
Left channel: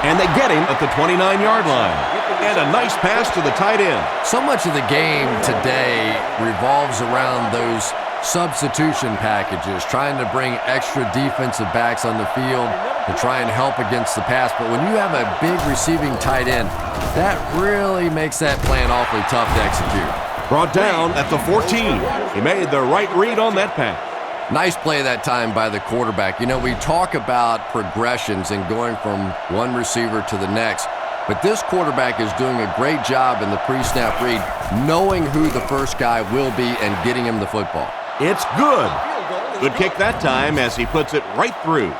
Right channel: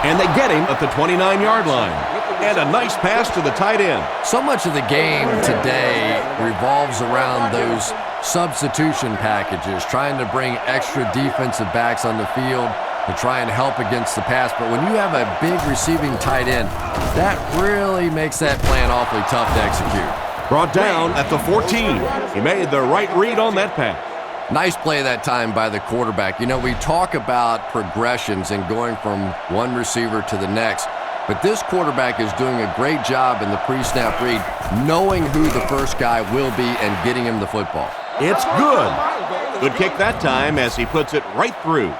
And they get him at the 29-yard line. And a nice pass to the tight end. So much of the game today revolves around those substitution packages, trying to bring extra defensive backs on the field to try and help against the pass. But when you have a big receiving tight end, that really makes that plan awfully tough to execute. Brought down at the 14. He made the right read on that pass. Nice play that time by the quarterback. You know, we talk about progressions and going from one receiver to the next, but this quarterback is doing a great job in the pre-snap read, knowing who the first guy will be and getting him the football. It's good. Good kick that time as he puts it right through.